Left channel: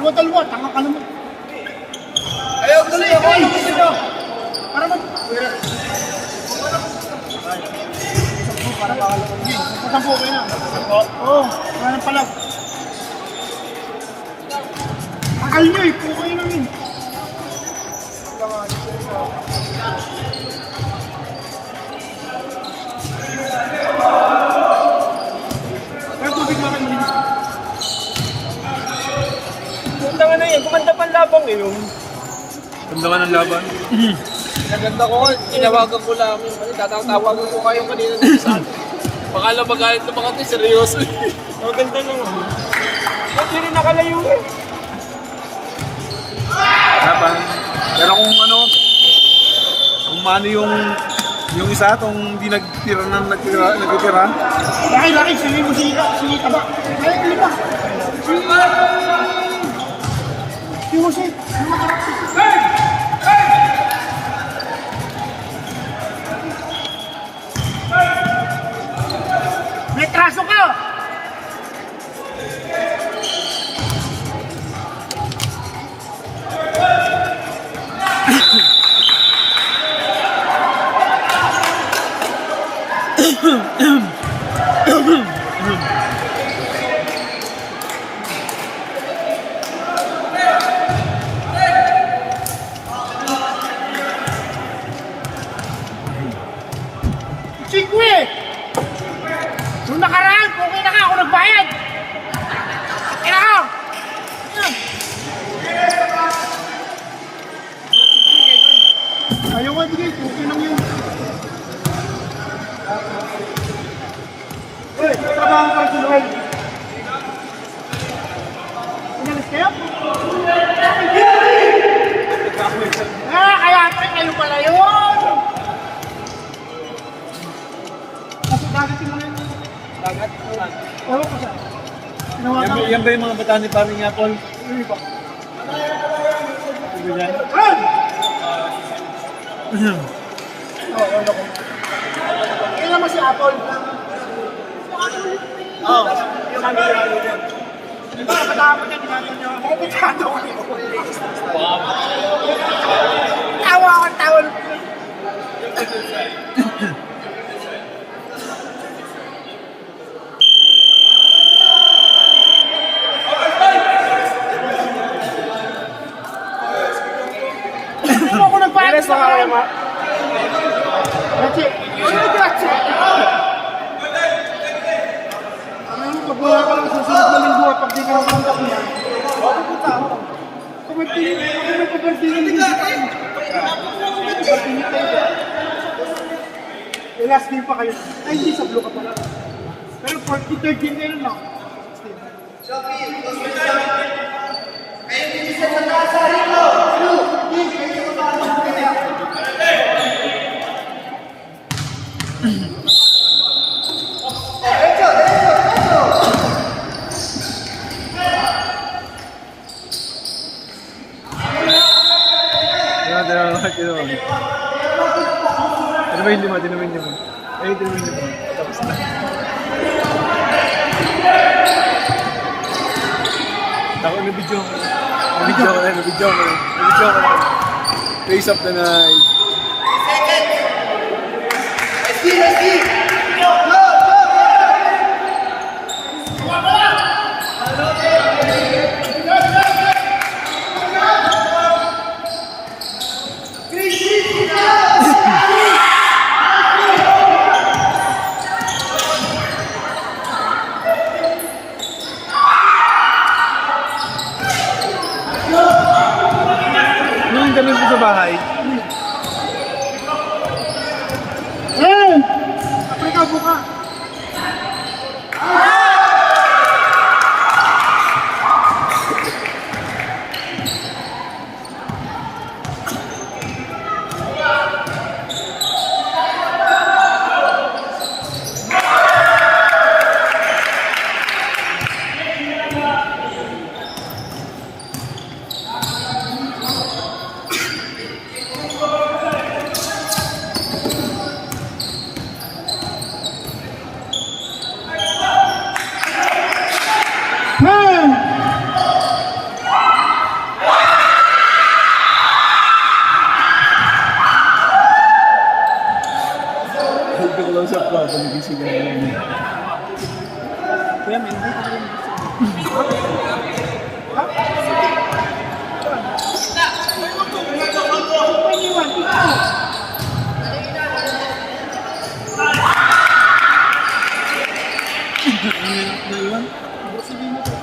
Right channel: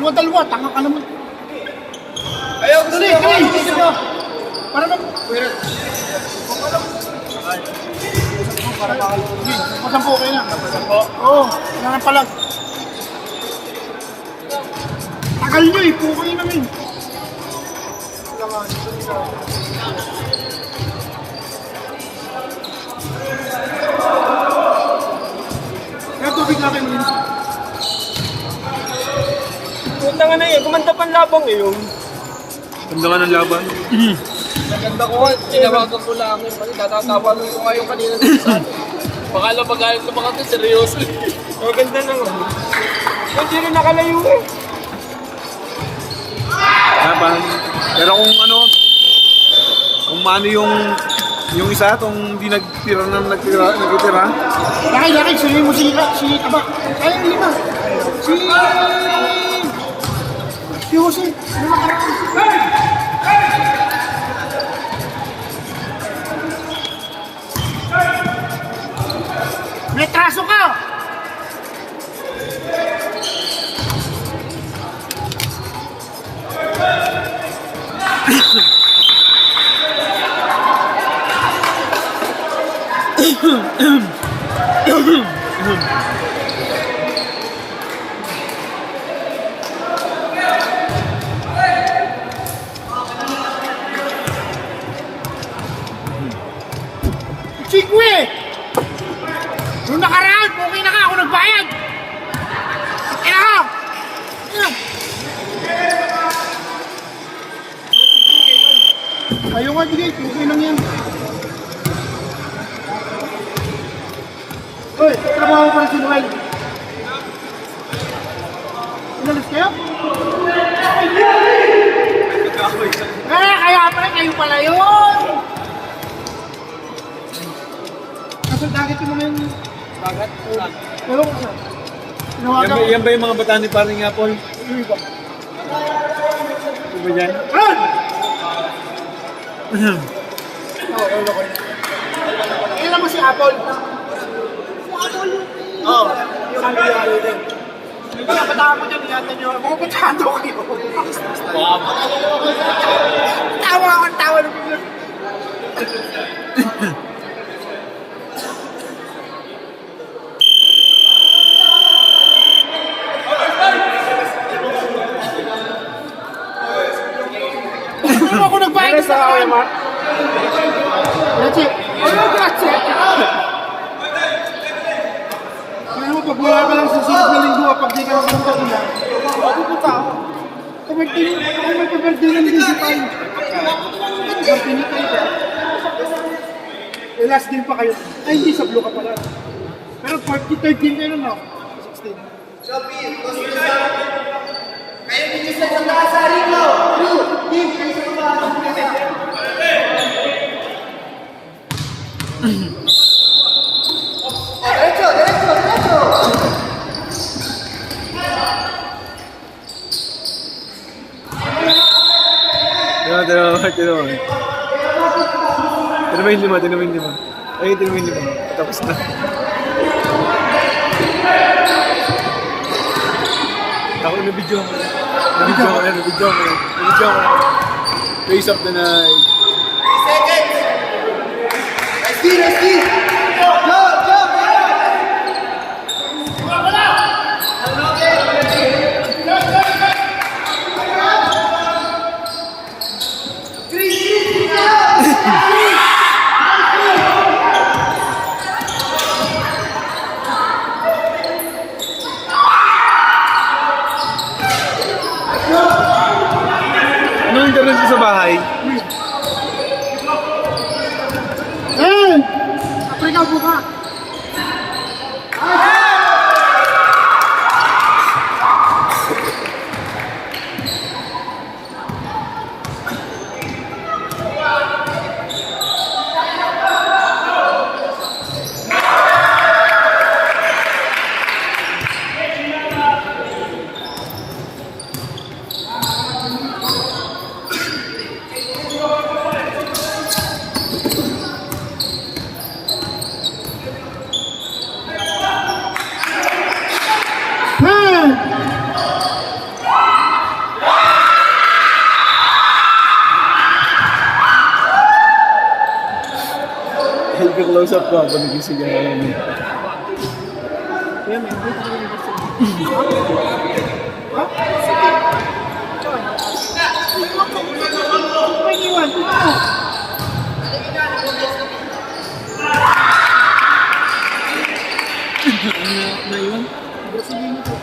Dalawa-dalawa, tanga ka naman. Ayaw, gusto niyo ako. Ano gusto niyo? Para mag... Masampo kayo na. Masampo? Oo, nga na pala. Tagal nyo eh, puko yun namin. Kaya tubig namin din. Ganda nga na eh, gumanda pa ang labang eh yung. Ganda nga ng laban. Naganda ko, tinawagan ko lang yun. Tatawagan ko kayo kanina sa atin. Baka lang magalit na baka ito, seryoso. Maganda naman. Hindi na nakalayo eh. Pero kung ano, kung mano yung isa, itong hindi nagtira na nagtira. Laki, sabihin mo si Taba. Ay, hindi ba? Si Jose. May traso ka! Chigwe! Nung nakaraan, okay na ka ako nagbayad! Kaya ka! Ayaw nga, bigay. Okay lang yan. Uy, trabaho pa si Noel. Inalis kayo? Kaya pa kayo pala yun! Nasa dagat yung mga yun. Bagat? Ewan ko saan. Tinawagan ko. Yan ba yung mga bata ni Paring Apple? Yung iba. Ano ba yan? Ron! Oo, ewan ko. Kailan naman si Apple? Oo. Sabi niya ako din. Pagkakatawa mo din, binatan niyo. Pagkakatawa kayo. Tawa ako ang tawa. Ako nagbayad sa kaya, Mark. Grazie. Grazie. Kaya mo, pag wala ka lang sa susunod na linggo, pag di ka napunta ko na, pupunta ako. Kapag tinignan din si tayo. Kapag tinignan tayo. Last game pa kayo. Ay, hindi sa blue ka pala. Pero 43 game kayo na. 16. Kayo din sa taas sa Rico. Tinamayin lima. Ay, tinamayin lima. Tapos na. Ako na-video ko. Na-video ko. Face of the night. Let's see. Anong ganun sa bahay? close up ko, panigising ka namin. Kaya man, hindi ka rin gusto. Ha? Naiwan? Brasilino to.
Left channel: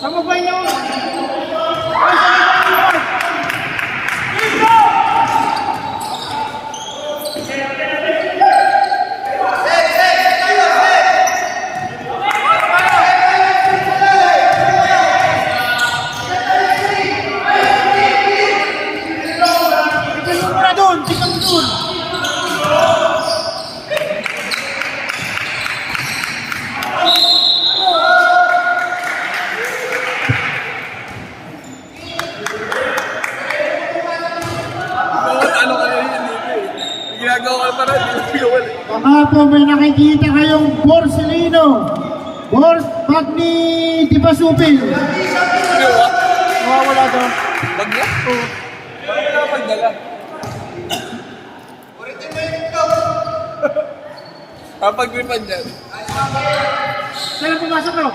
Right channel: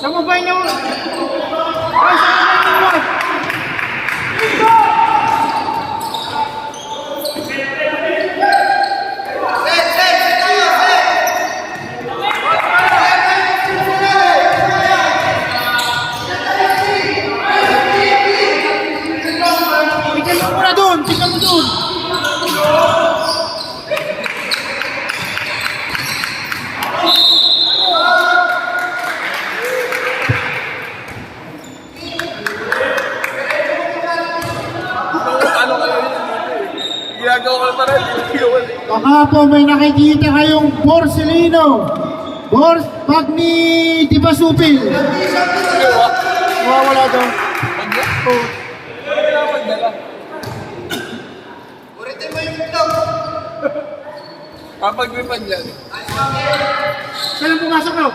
Sa mobile niyo. Tingnan mo na doon, tingnan mo doon. Ano kayo yan dito eh? Ginagawa ko pa rin, ginagawa rin. Baka po may nakikita kayong Borsellino. Bag ni Di Basupil. Wala daw. Bagay? Oh. Hindi ako magdala. Kapag-gripan dyan. Saan ang pumasok daw?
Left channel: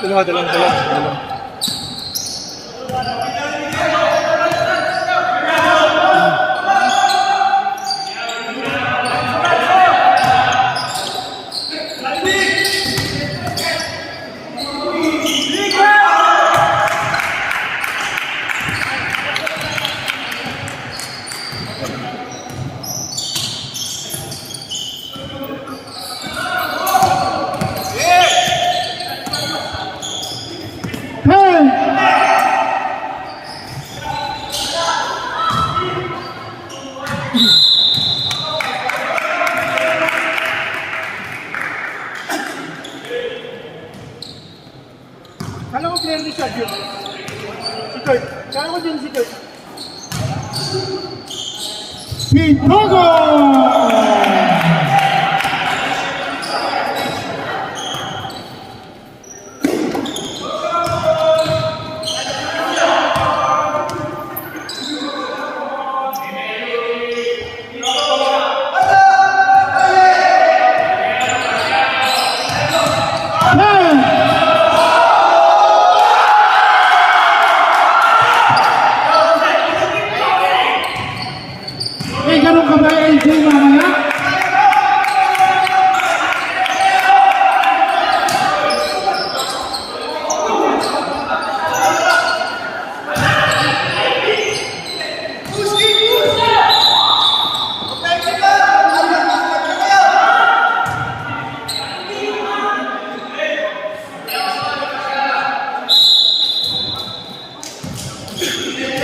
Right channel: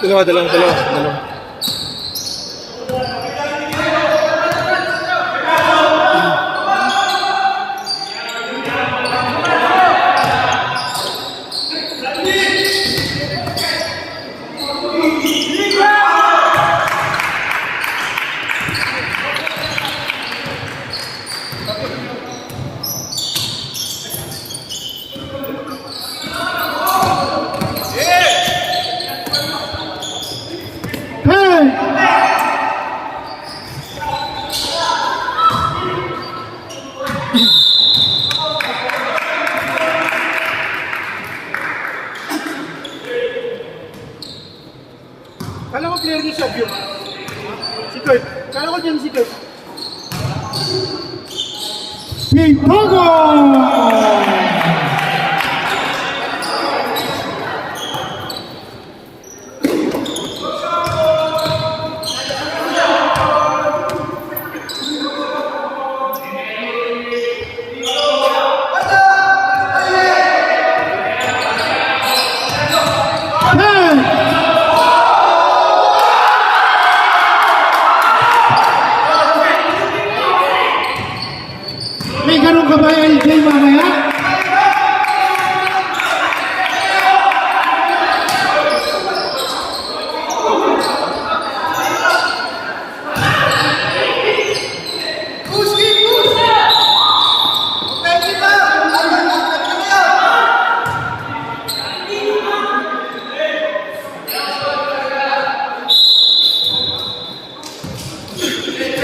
Dalawa. Hey! Kala ko player ni Sabio. Si Kurt. Kala ko dyan si Kurt. Pipago! May ganun ka ba, LJ, mamaya?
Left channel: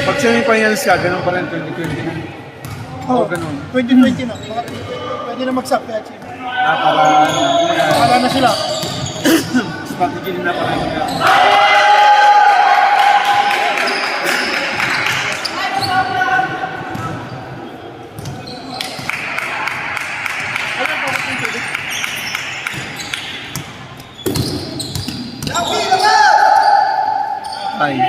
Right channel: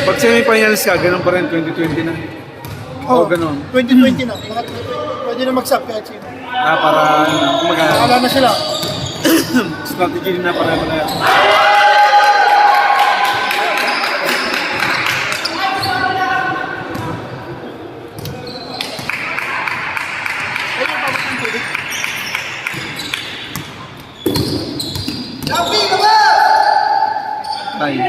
Pag semifinals ka, ganun pa rin, 2020 na. Oh, ganun. 2020 na. Pwede na mag-sub kaya Chip. Para kumagana. Wala na sila. Strategy din na para na. Ay.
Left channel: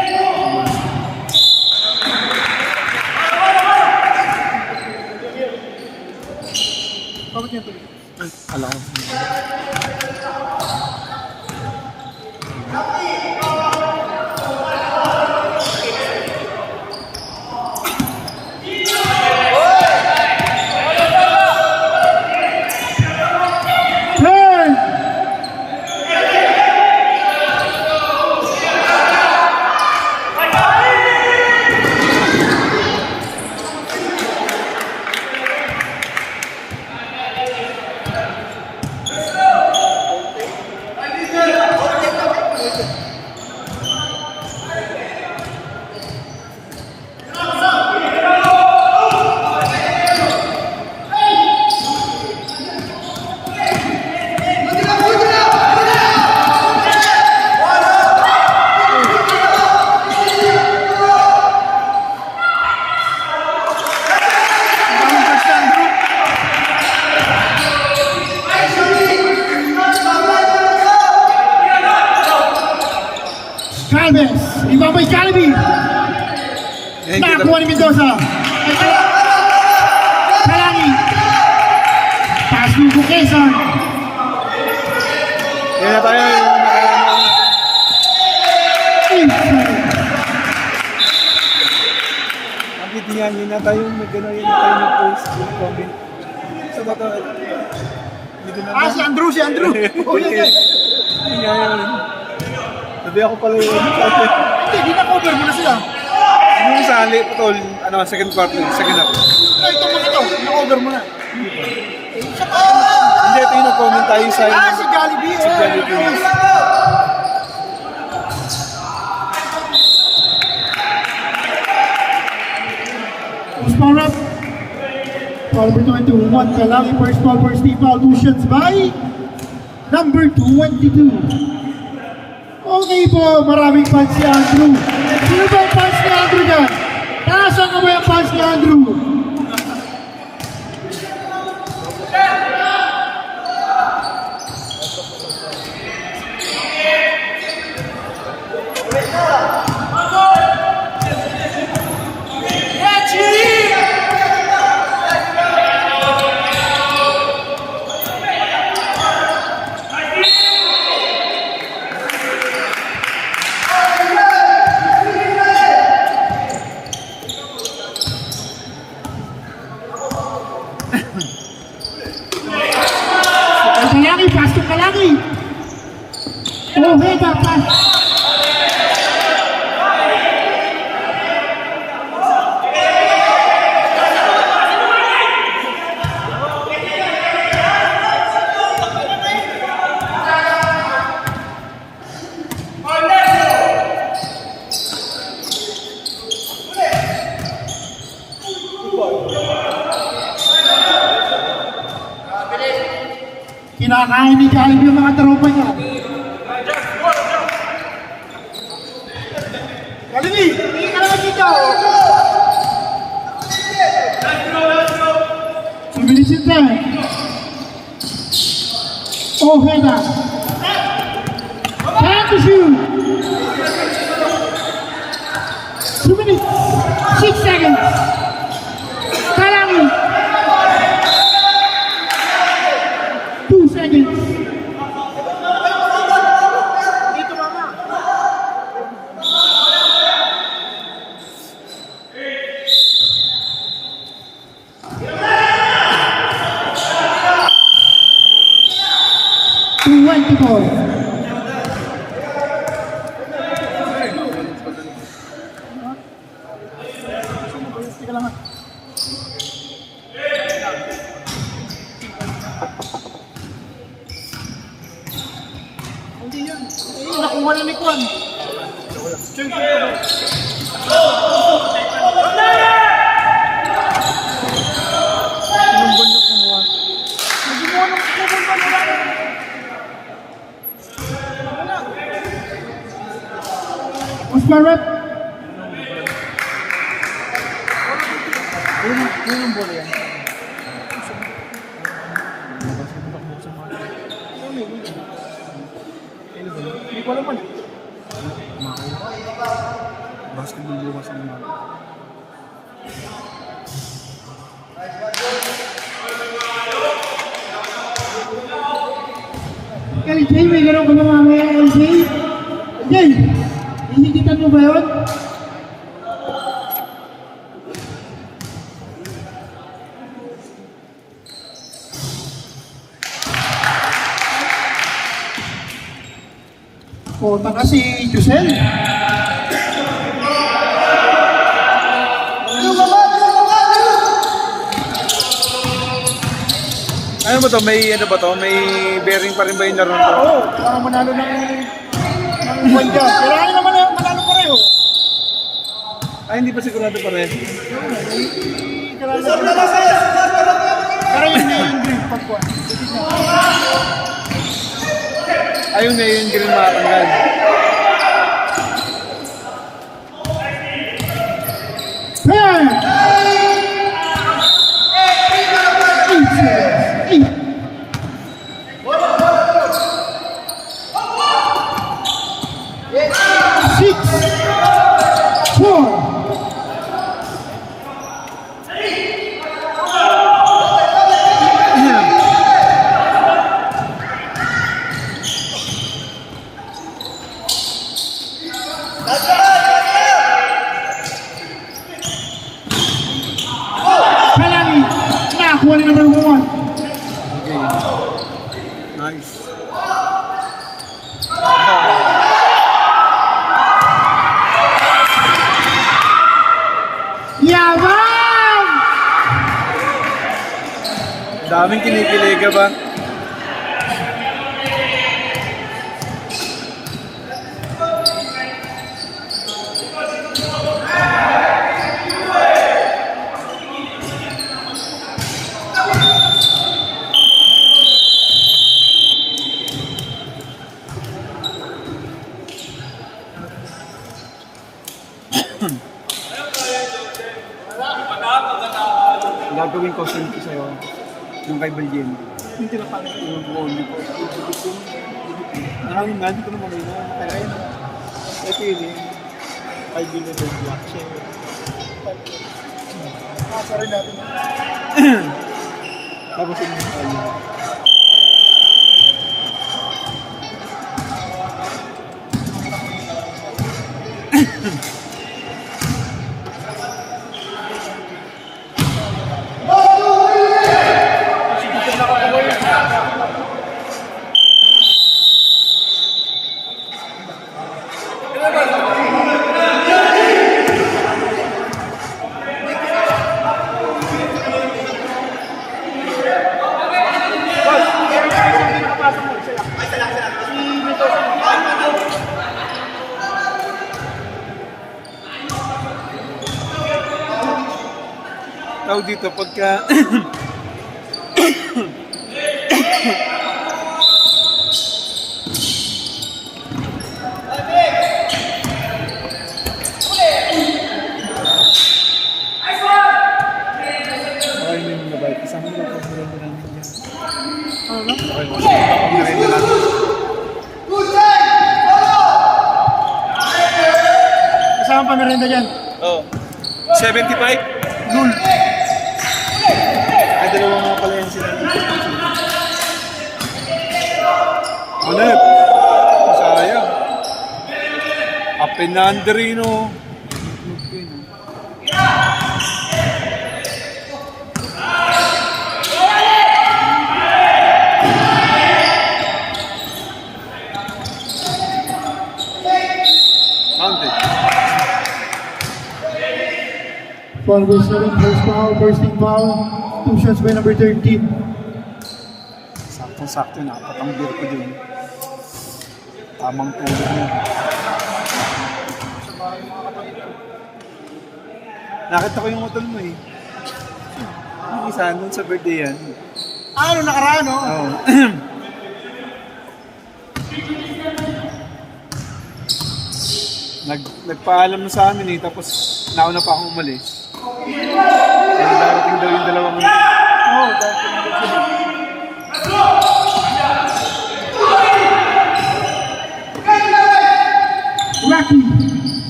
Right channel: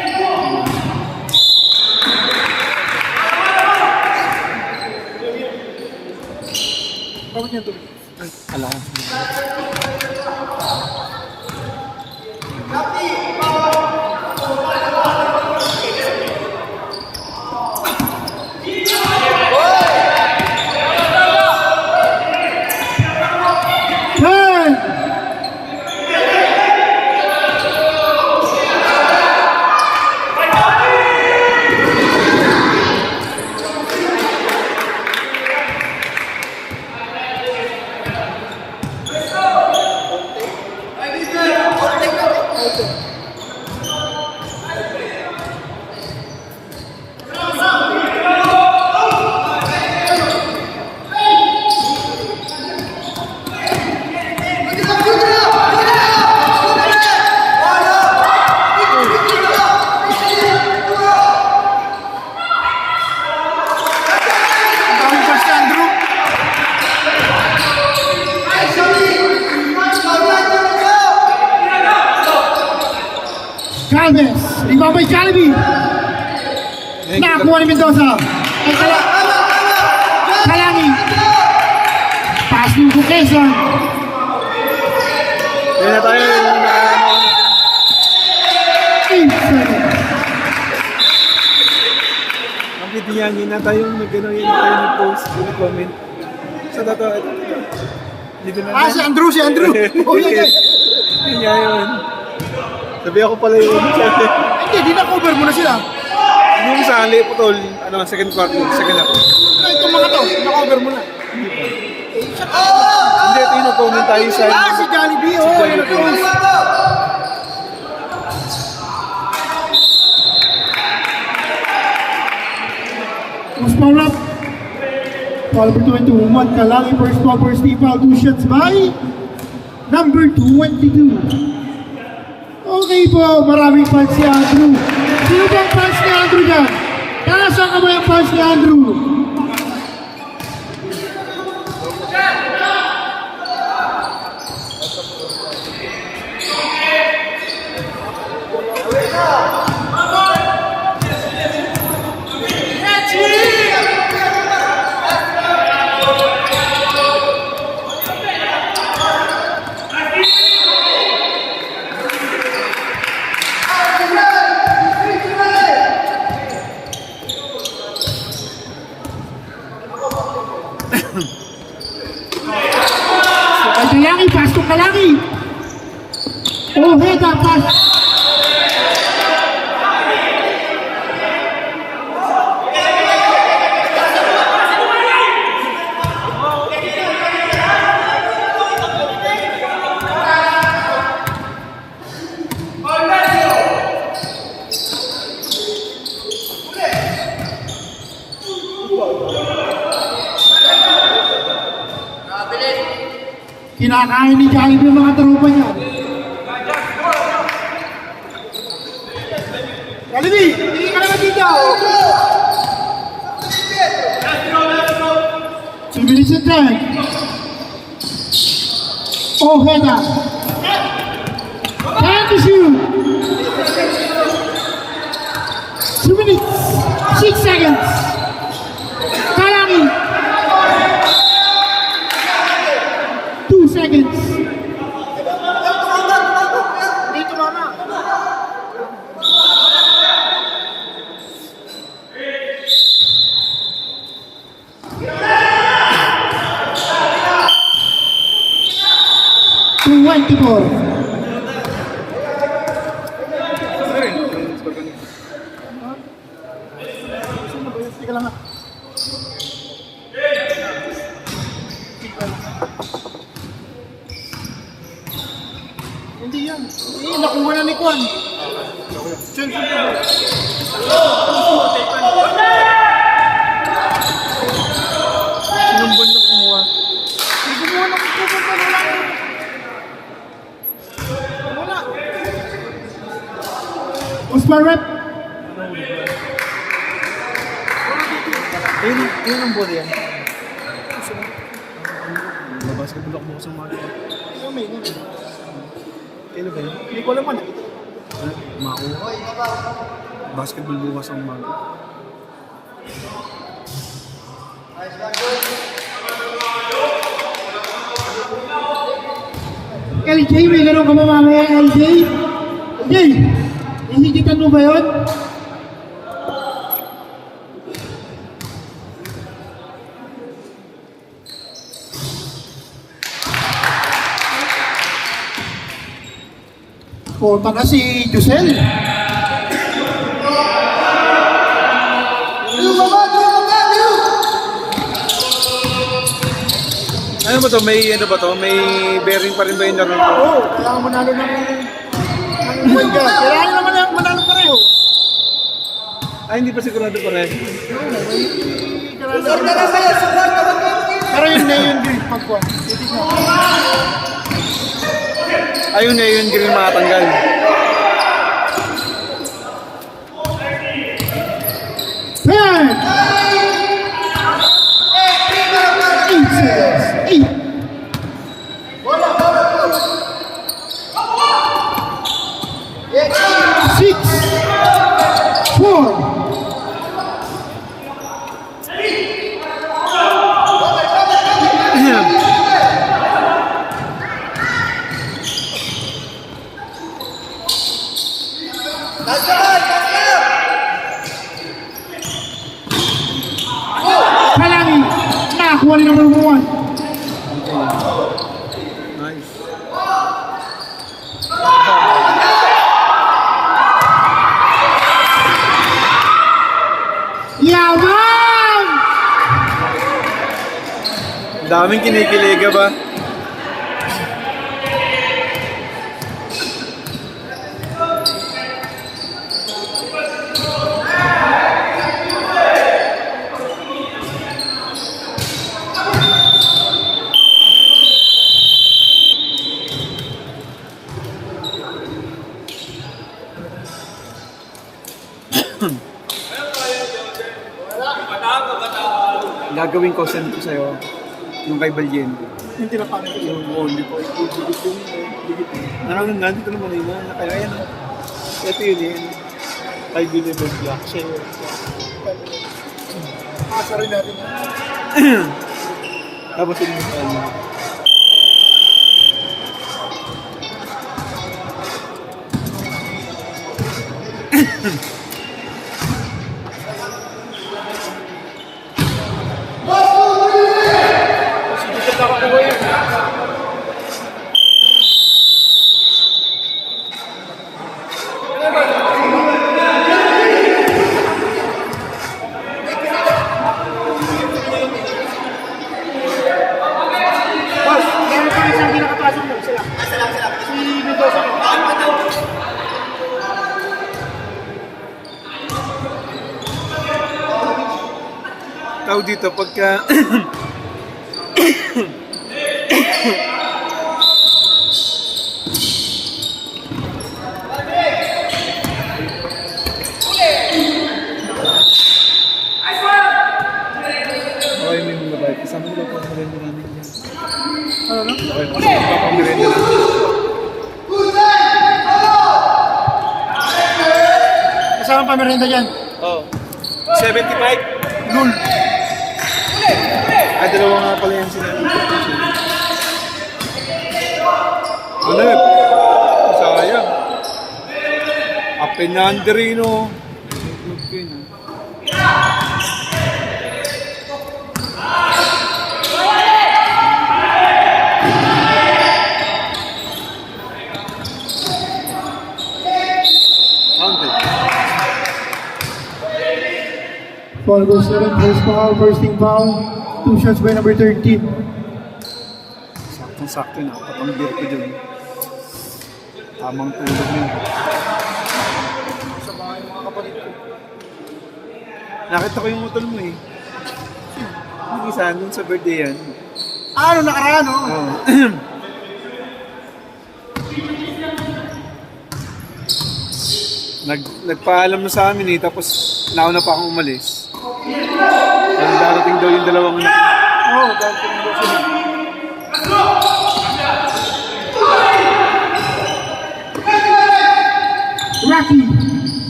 Bakit niya ito? Alam ko. Hey! Galvez. Rebound by Jollibee. Nakakuha ni Mendoza. Ay, Kalangi. Pass mo to Quezon. Kaya na tayo yung nakaano. 8 seconds. Ang pitiyangin na tayo yung nag-ano yun na tayo nag-post, comment. So, totoo, ito. Dito na. Si Andrew. Oh, yeah. Yun nga yun. Sabi ako pala yun. Hindi, di na-cover mo na sila. Yung sa Ali, putol, ano, second quarter, second half. Itong mga to, na-cover mo na. Hindi, ito yung nag-comment tayo sa... Si Jollibee, Si Jollibee. Usparap. Foul number 21, Kalangi first ball for Steve Foul, 2 shots by number 22. Okay po, maraming fans si Andrew. Sino bang fans ni Andrew dyan? Nasaan ka ba yung fans ni Andrew? Kalangi, pass to Kalangi. Oh, head up, pass. Kinakain ni Jollibee yung mga tropa niya. Jollibee, hindi ka naman dito. 2 minutes and 10. Oh, head up. 10 to shoot. 2 minutes, 6 seconds. Kalangi. 2 seconds. Dito mama. Teka lang. Hindi yan. Hindi, nakuha na ni Kwan. Diyan ko ba? Sinumbon na kumuha. Usman rep. Yun yung bola yan. Basketball ako sa mga. Kailan ba yun? Hindi ko alam man. Mako. Basketball bukas ang mga. LJ, may gano'n ka ba mamaya, LJ? LJ, hihigitan mo ba yun? Punta na si Jusel. Ano ba to? May ano ba to? May bearing pa rin ba yung laro to? Oo, kailangan manalo ng buwan ka. Kailangan naman manalo pareho. Ay, hindi pa sigurado pa rin. Pero yun na yung green pagkuhan. Ayun na yun, green makatanggal. Hey! 8 6 nakakuha ng number 1. Nice. Yaman! Daming kinikilig ba? Gagawin ko send ko sa'yo yung kay Balyen. Yung tinapanan ko. Yung only ko. Nandito naman yun. Kaya yan. Ito yun eh. Kay Gulliver Black. Siya yun. Pasa rin natin yan. Tapos yun yung kanya. Tao dito pagka okay mo yung babae. Kasama nyo ba pang merenda namin dyan? Ano na? Okay, kasama ba pang merenda namin? Kasama pa merinda dyan. Oo. 75? Lul! Ay, dalawa nga pala yan sila. Hanep! Sayang. Apinanderino. Counted. Foul number 7, first foul, first team foul. 2 shots by number 13. Saktong-sakto, nakapatang beer ko dyan. Tamang tulog yun. Sa bahay mga kapatid ko. Nakita ko yung utol mo eh. Yung isa, nung sa birthday yan. Ano nakaraan, no? Oo. Nagpaalam na sa amin eh, tapos nauna pa akong umalis. Darating daw yung dalawang... Oo, dahil pinag-sila.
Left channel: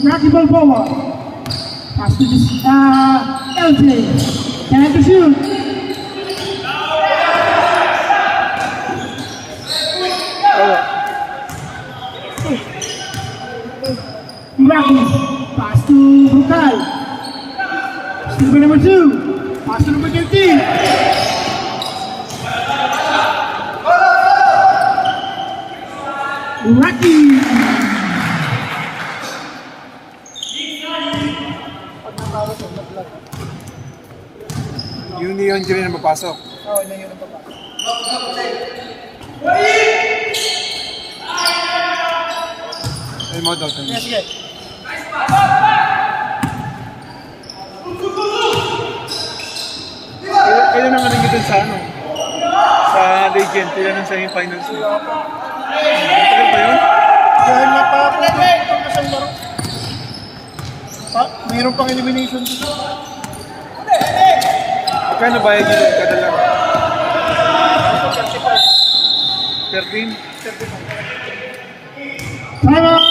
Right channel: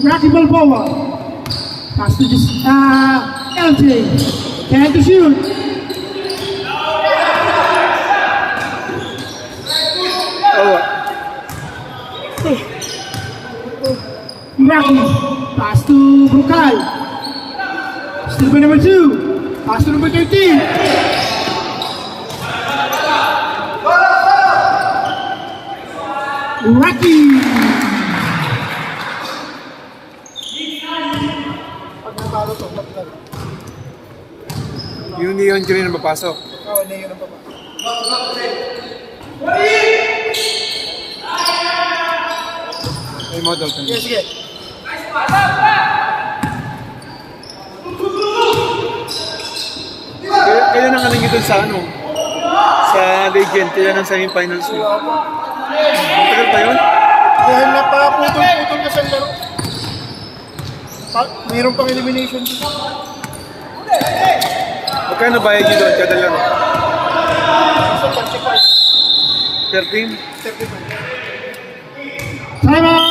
Rocky Balboa. Pass to this, LJ. Can to shoot. Oh, Rocky. Pass to Bukal. Still by number 2. Pass to number 13. Rocky. yung Neon Green na mapasok. Oo, na yun ang baba. Ay, mo daw. Sige, sige. Kaya nang anong dun sa ano? Sa Legend, kaya ng semifinals niya. Matagal pa yun? Dahil napaputol na sa laro. Mayroon pang elimination dito. Magkano bayad nyo doon kada lang? Per team? Time out!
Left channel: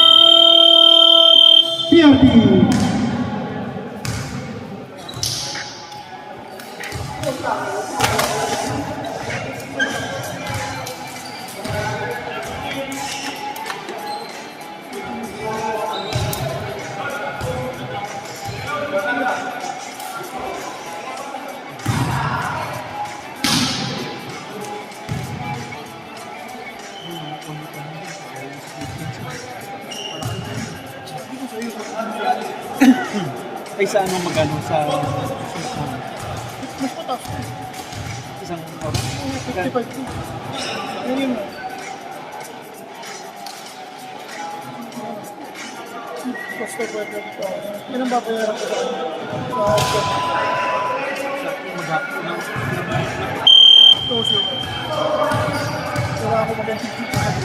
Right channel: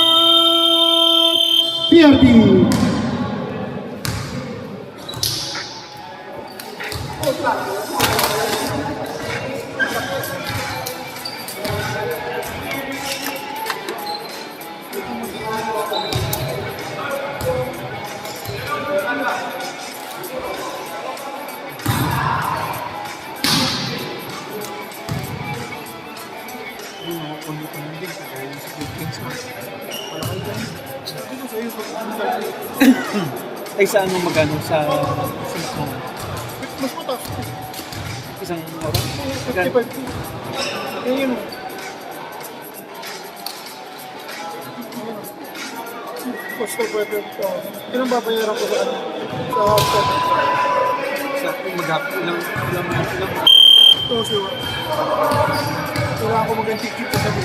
PRD. Ay, sa ano magkano? Sa Mas mataas. isang oras? 55. Yan yun. Cost of weather. Yun ang babayaran ko sa Sa maghapon ng Oo, sure. Kailangan ko mag-anticipate sa sabi.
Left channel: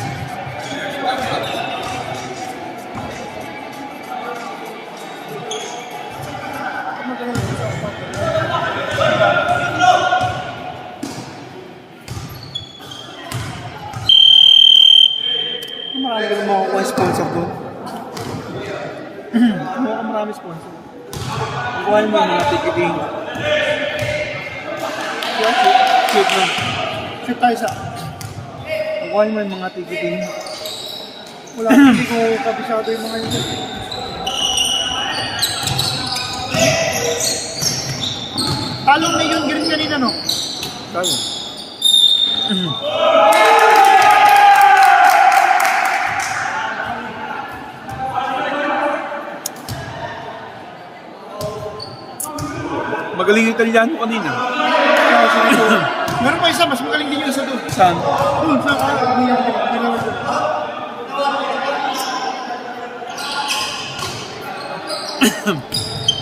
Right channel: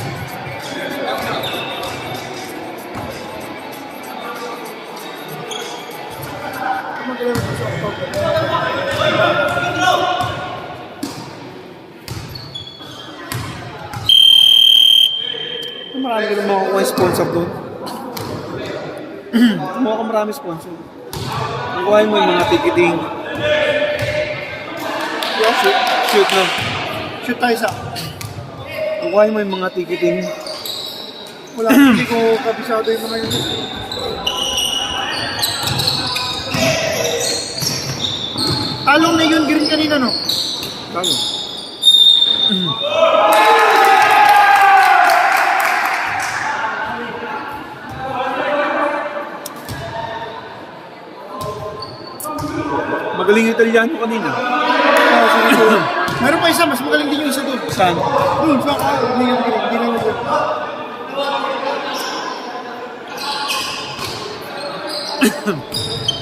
marami ka makukuha sponsor doon. Kumuha ka marami sponsor. Kukuhain mo yung mga ticketing. Shoot mo. Shoot tayo sa. Kukuhain mo yung mga ticketing. Wala, hindi ko kabisado yung mga yun. Talong na yun, green kanina, no? Tayo. Magaling yung Italiano kanina. Meron pa isa, mas magaling din yung isa doon. Saan? Doon, sa hindi yung galing, hindi naman yun.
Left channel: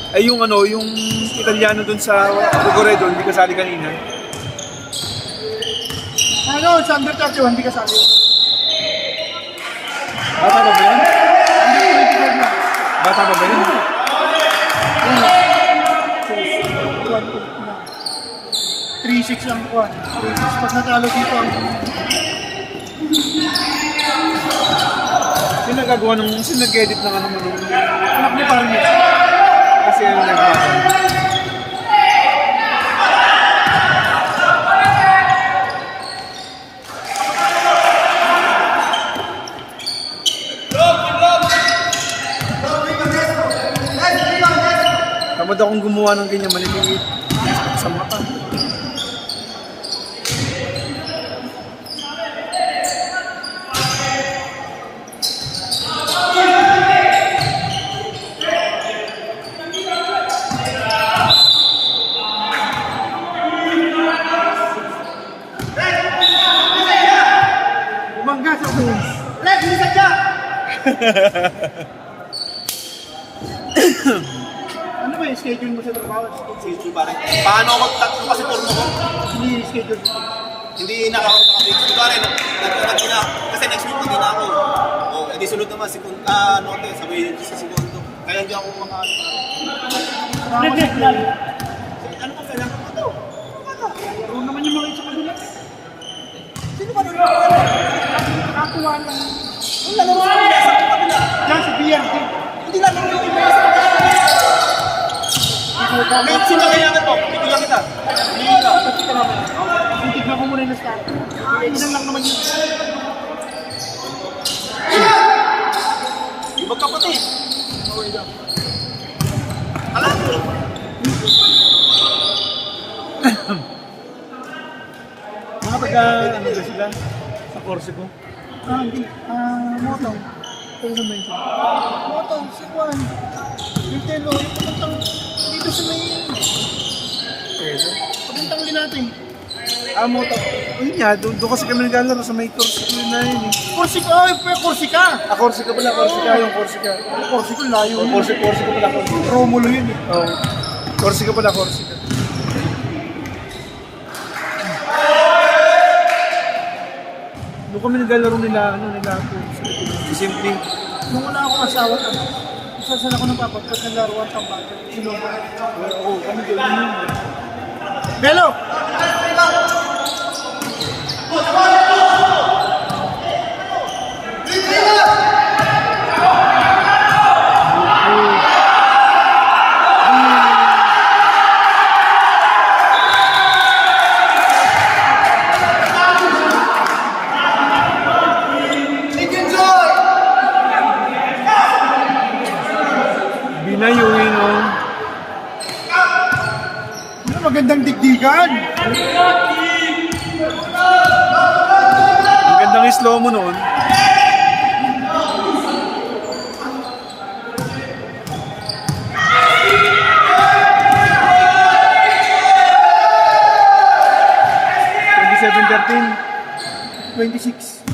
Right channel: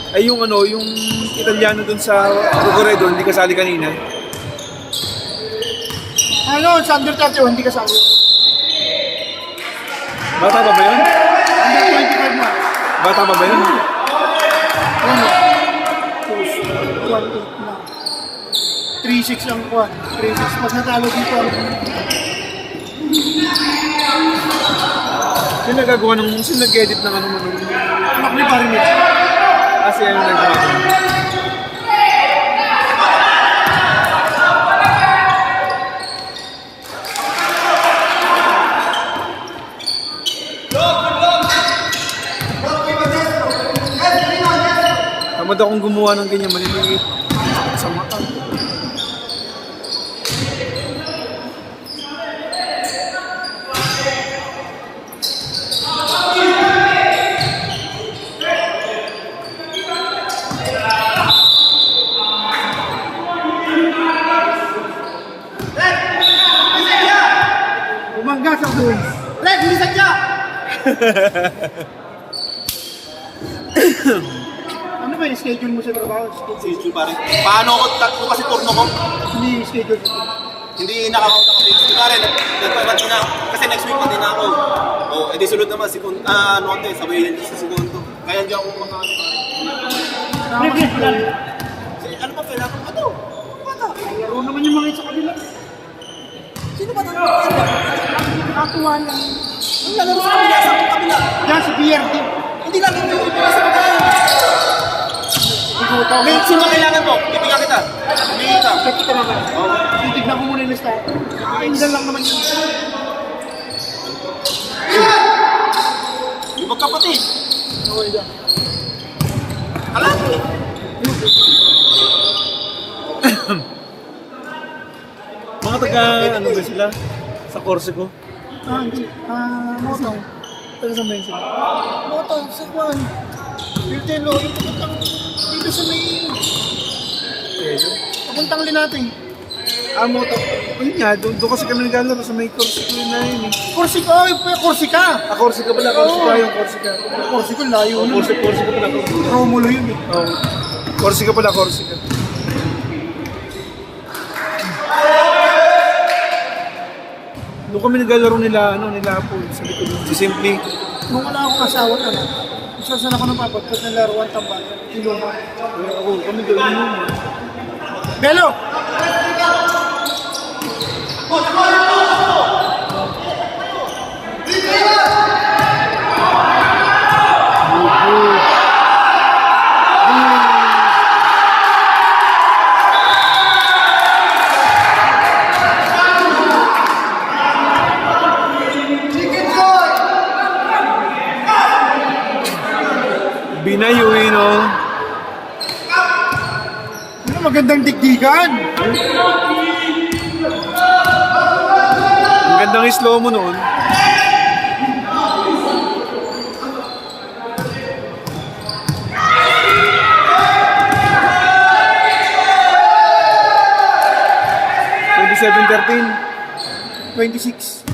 Ay yung ano, yung Italiano dun sa Rogoredo, hindi kasali kanina. Ano, sa under 31, hindi kasali. Bata ba ba yun? Under 25 na. Bata ba ba yun? 3-6 ang kuwan. 3-6. Pag natalo dito ang... Sino nagagawa ng, sino nag-edit ng ano mo nung... Anak ni Parin yun. Kasi ano nagawa ko. Tamad akong gumawa ng ganyan, maliliit. Sa mata. Bumangga sa doon. Red, hindi sadya! Ano ba yung schedule mo sa trabaho? Schedule pare. Paano ako tatlo kasi turno ko? Hindi yung schedule mo. Hindi nakaka-fix. Di pare, nagpapati na. Kasi next week pati na ako. O, edi sunod naman si ano ate, sabay yun sa segundo. Kaya hindi ako kumakaano pare. Red, lalo. Ano pa kailangan ko ito? Ano naman yung mga sa kabila? Sino ba nalaro pare? Katuan lang. Ang lalaro sa kabila, sa kabila. Yan si BRT. Hindi natin yung ibigay sa kabila. Ngayon, sino kailangan mo? Bibigyan kita. Bibigyan ka. Check ka naman. Titignan ko muna yung start. Minsan lang naman yun. Yung magkapatid. Okay dyan. Alam mo. Mga taga, ano ba sila? Sa Corsico? Hindi. Ano? Pero sa mention. Moto, si Juan. Yung telo, yung papuntang dito sa may... Kaya Papuntang linate. Moto. Yun nga, doon kasi kami naglalaro sa may Corsico yun na yun eh. Corsica, ay, Corsica. Corsica pala, Corsica yung Corsica. Corsica, layo. Corsica pala, Corsica. Romulo yun eh. Oh. Corsica pala, Corsica. Doon kami naglalaro nila, ano, nila po. Si Simply. Nung wala akong asawa na, isasan ako ng papagpag ng laruan tambal. Ilong. Ako, kami doon yun. Belo! Binayuin, oh. Ano magandang digdigan? Ang gandang slow mo noon. 26.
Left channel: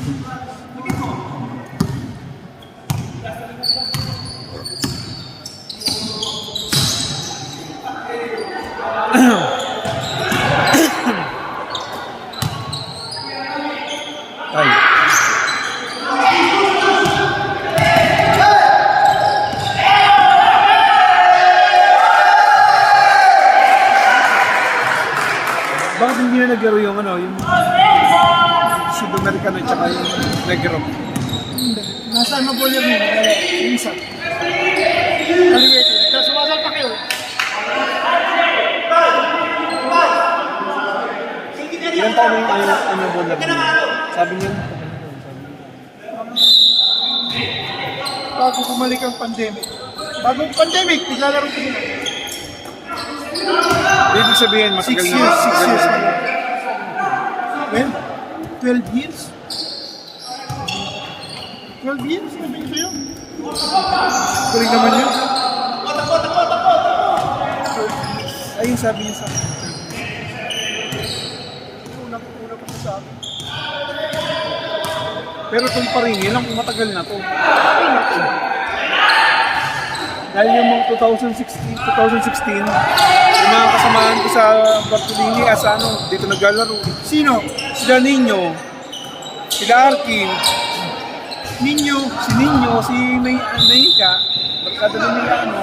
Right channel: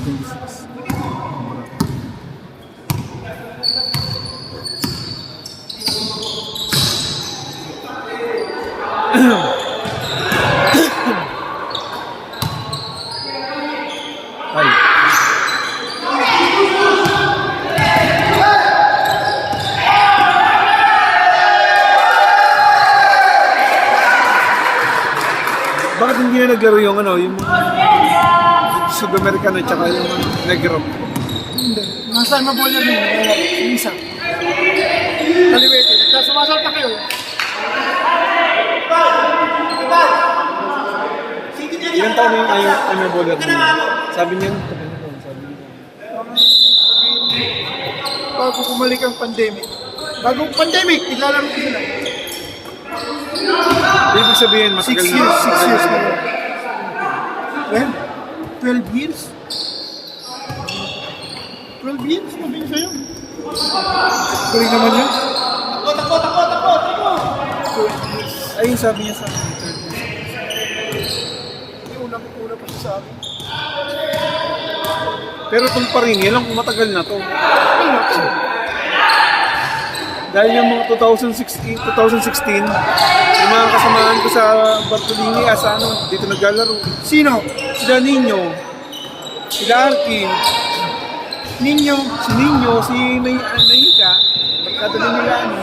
Ay. Bakit hindi na naglaro yung ano, yung Sudamericano tsaka yung Negro? Hindi. Nasaan na po yun yun? Yung isa. Kaliwete. Tapos sumasal pa kayo. Ilan taon na yung ano bowler niya? Sabi niya, Bago bumalik ang pandemic. Bagong pandemic, naglalaro ko sila. ibig sabihin, 6 matagal years, na. 6 years na. Well, 12 years? 12 years, sabi ko sa'yo. Galing naman yun. Ayun sabi niya sa akin. Ulang-ulang ko sa akin. Pero itong pa rin, yan ang matagal na to. Dahil yung mga 2016, yung mga kasamahan ko sa Bartolini, ano, dito naglalaro. Sino? Sila Nino, sila Arkin, Ninyo. si Nino, si Mayika, barkada din nila, ano.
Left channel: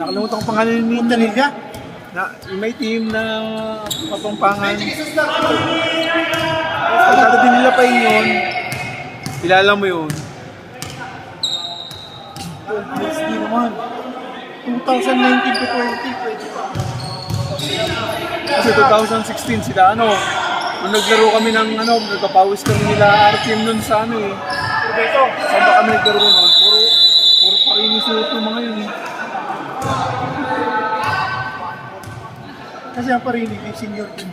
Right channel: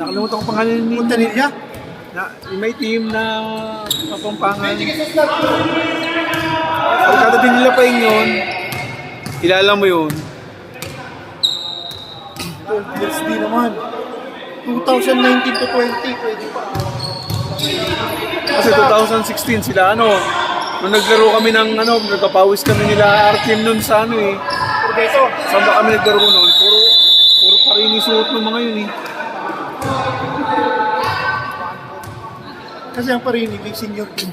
Nakalimutan ko pangalan ni Nino. Punta nila? Yung may team na kapampangan. Barkada din nila pa yun. Kilala mo yun. 12 years din naman. 2019 to 20, pwede pa. Kasi 2016 sila ano, nung naglaro kami ng ano, nagpapawis kami nila Arkin nun sa ano eh. Saan ba kami naglaro nun? Puro pa rin isuot ng mga yun eh. Kasi ang parinig, yung senior team.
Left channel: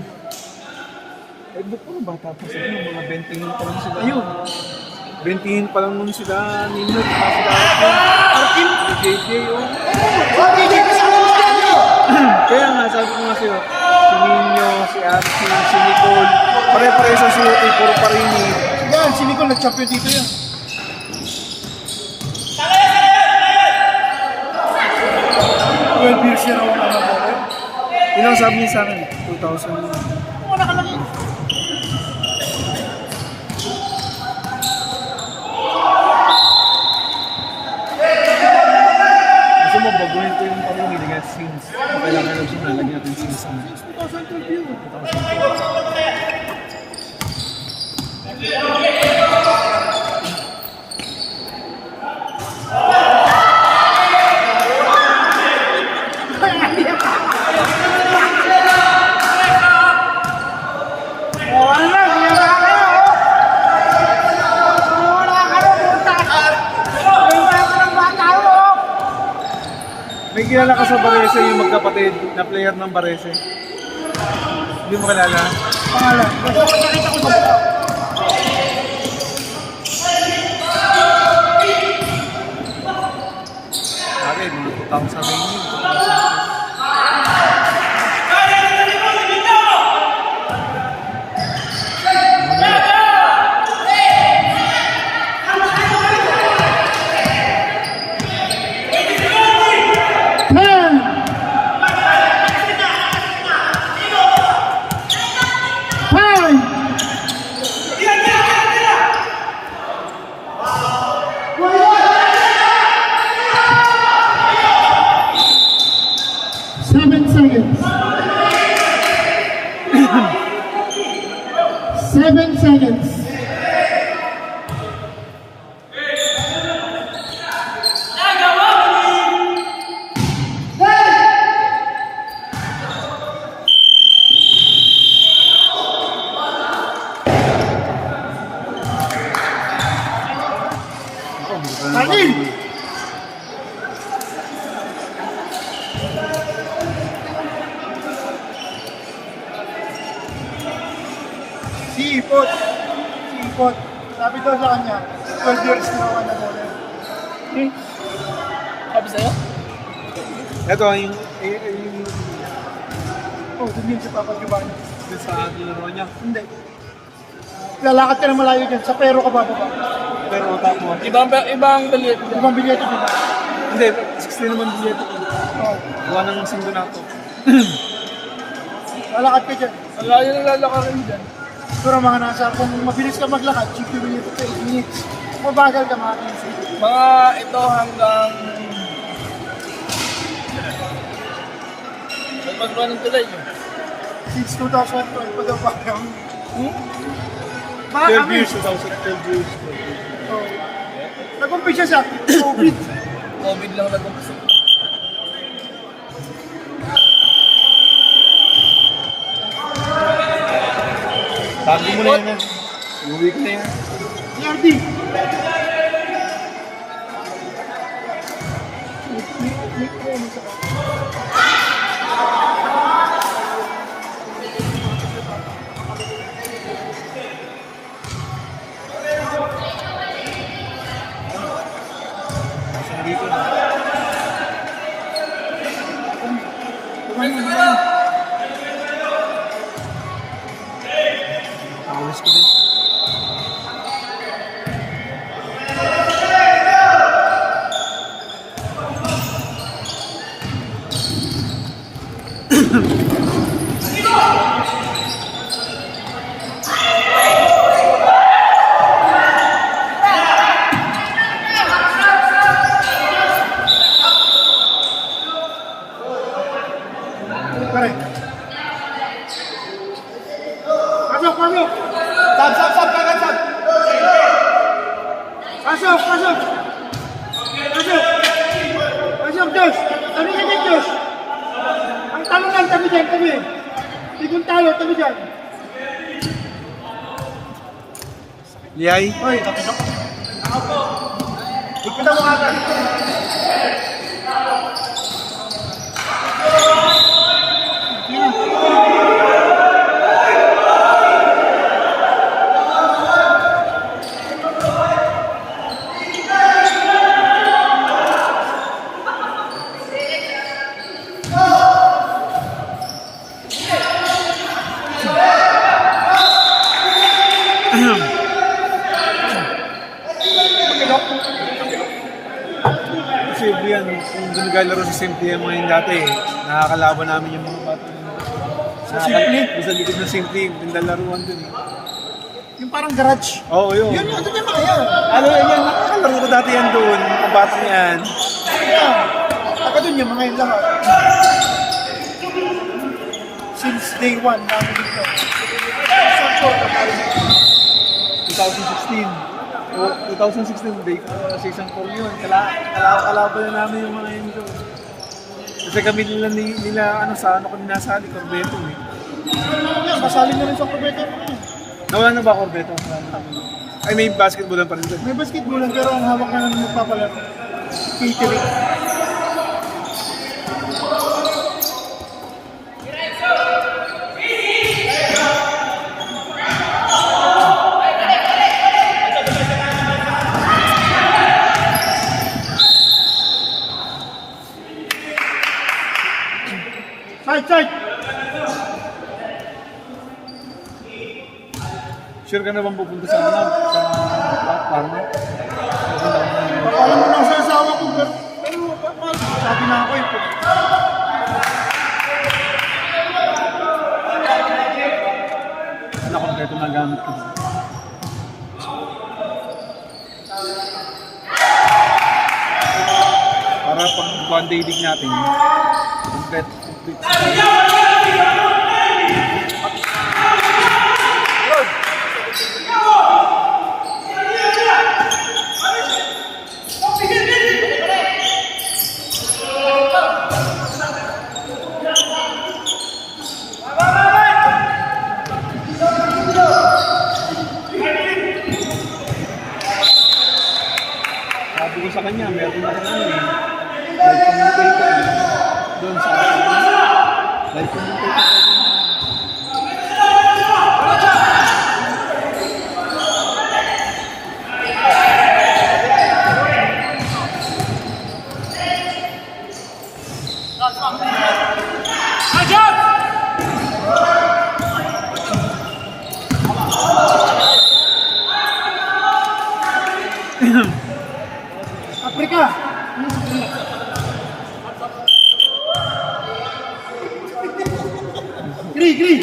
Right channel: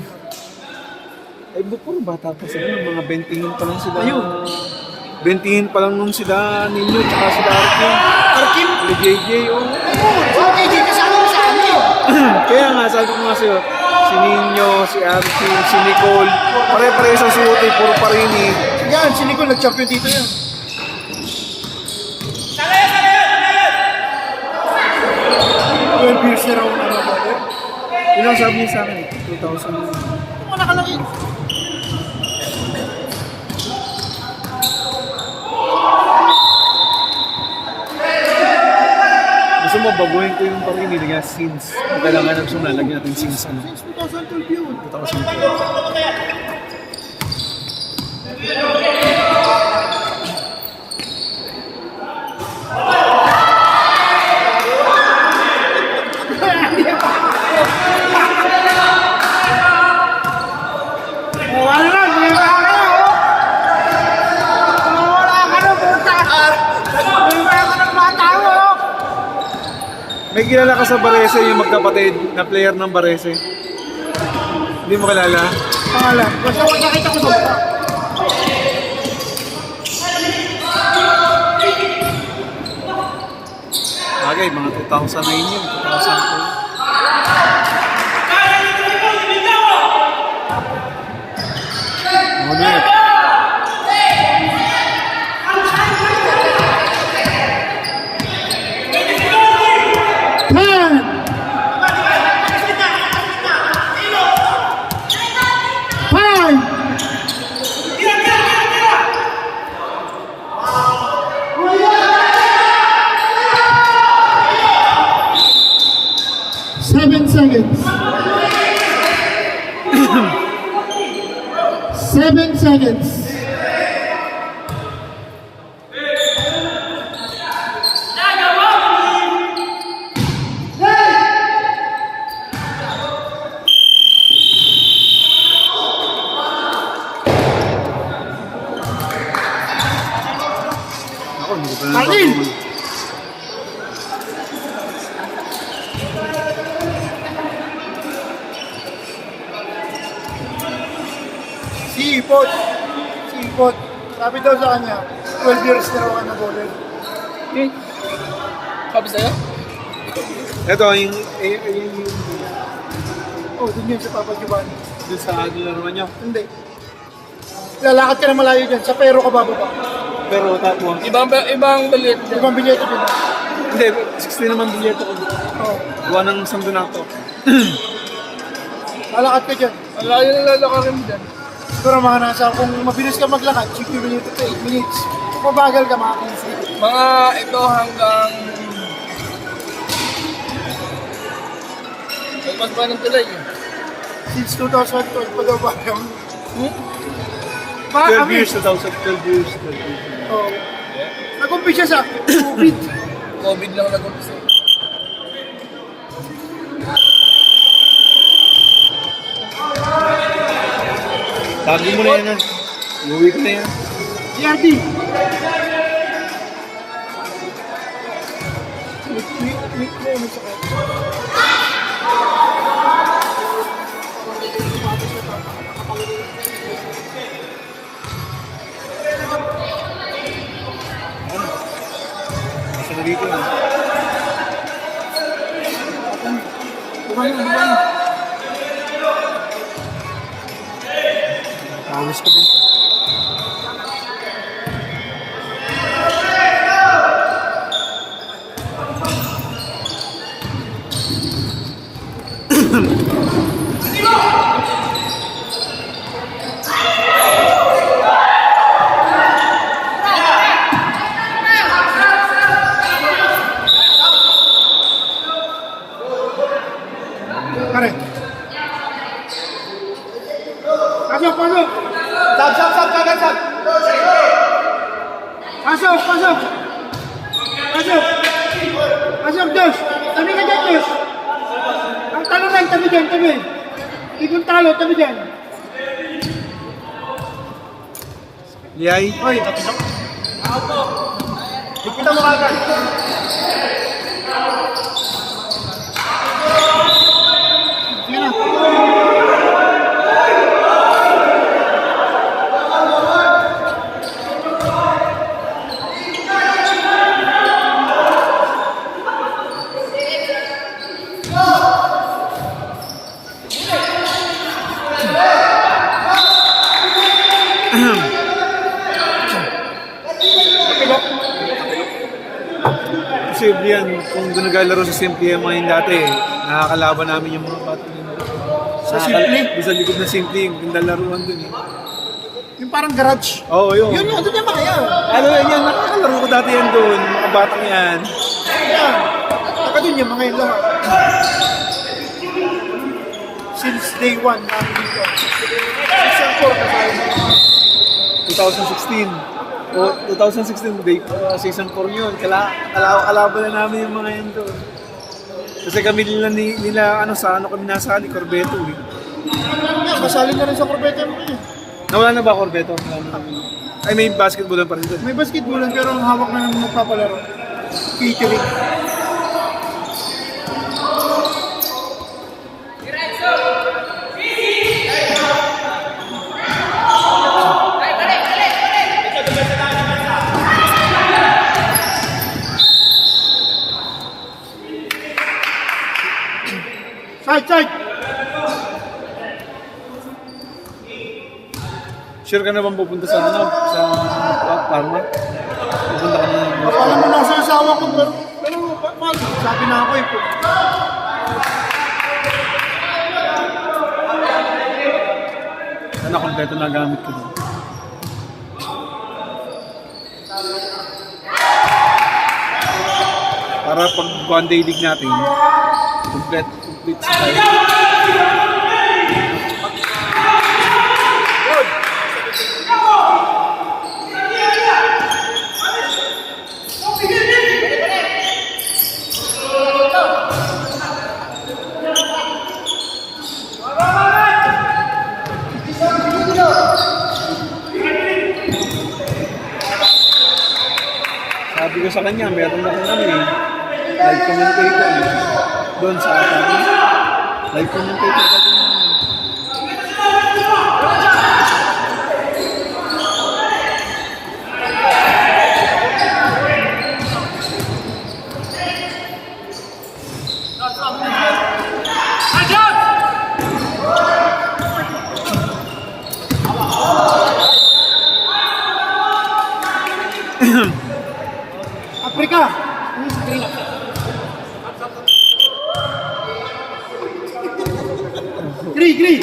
Ay, puro bata pa sila, mga 20 pa lang sila. Ayun. 20 pa lang nun sila ninyo, tsaka sila Arkin. Arkin? Sila JJ, oh. Okay, hindi kasama mo si Arkin. Kaya nga, sabi ko nga sa'yo, si Nino, si Arkin, si Nicole, pare-pare sa suot eh, puro pa rin eh. Yan, si Nicole nag-champion dito yan. Well, years na raw ang ano ba? Yun ang sabi niya sa akin, 2000. Wala ka lang yun. Gusto mo baguhin ko yung parinig nga since kailangan na gusto na lagyan natin since ano. 2012 yun. 2000. May kilala ka sa Barese, yung magkapatid na player ng Barese. Hindi mo kilala? Pangalan. Basta ko nakita ko ba? Bagay, mga 2000 na yun. 2000. Seven seconds. 7 seconds. Final! Si Ipot. Sabi daw sa kanya, 12 years na ako na bowler. Sabi sa'yo? Ito, yung Oh, dun yun sa Papa Giovanni. Doon sa laro niya. Hindi. Lalakad ka na malayo dyan. Sa pero ka bababa. Pero top 1. Ibang balit. Ibang bilyete din. Hindi, 60 naman bilyeto ko. Oh. Gawa ng isang donato. Lalakad ka dyan. Malayo na lalakarin dyan. Pero mga nasa, kung mabilis ka maglakad, 60 minutes to 8 minutes. Kung mabagal ka, mga 15. Mga ito hanggang... Mas ba ng tulay eh? Since 2012 pa daw ba yung... 12 years, 2012 years. Oh. Nag-umpisa sa COVID. COVID lang nag-umpisa. Tagi mo na yan. Uwi ko na yan. CRD. Click ko ano sa kanya. Gusto na dito na. Gusto ko din. Pare. Pasok, pasok. Sab, kanan, sab. Pasok, pasok. Pasok. Pasok, Dos. Tabi ka dyan, Dos. Ang talo lang, tabi dyan, tabi. Ikong talo, tabi dyan. Liyay. Oy, tapos. Ikita mo agad. Sige na. Kasi yan, kung gunagalaro sa SimPM ngayon dati, nakakalaban namin yung mga bata din. Sa Simple? Sa likod ng SimPM, yung gandalaruan dun eh. Yung parang garage. Oo, yun. Yun, ano naman kaya? Ano yan, nakakalaro ko dati yan doon, mga batang yan. Ayan. Taka dun yung mga yung lahat. Since day one namin dito. Season 2016. O, 2016, day, season 4 yun. Kalaban na namin yung mga yun doon. Kasi kami nila sa ano kami nasali, Corbeto eh. 4. Kasali na rin sa Corvette. Nawala na ba Corbeto? Ay, may basketball pa rin doon. May basketballan pero ang hawak na ng magpapalaro. Catering. Side! Sure ka na bang pupunta sa ano? Sa Parma? Pupunta ka na. Alam mo nasa asawa ko pero sabi na ako eh. Ano, kompleto na gamit ko doon. Para pag one day league natin, complete. Sabi ko sa kanya, meron na kami live commentator doon sa live commentator pa doon. Gri.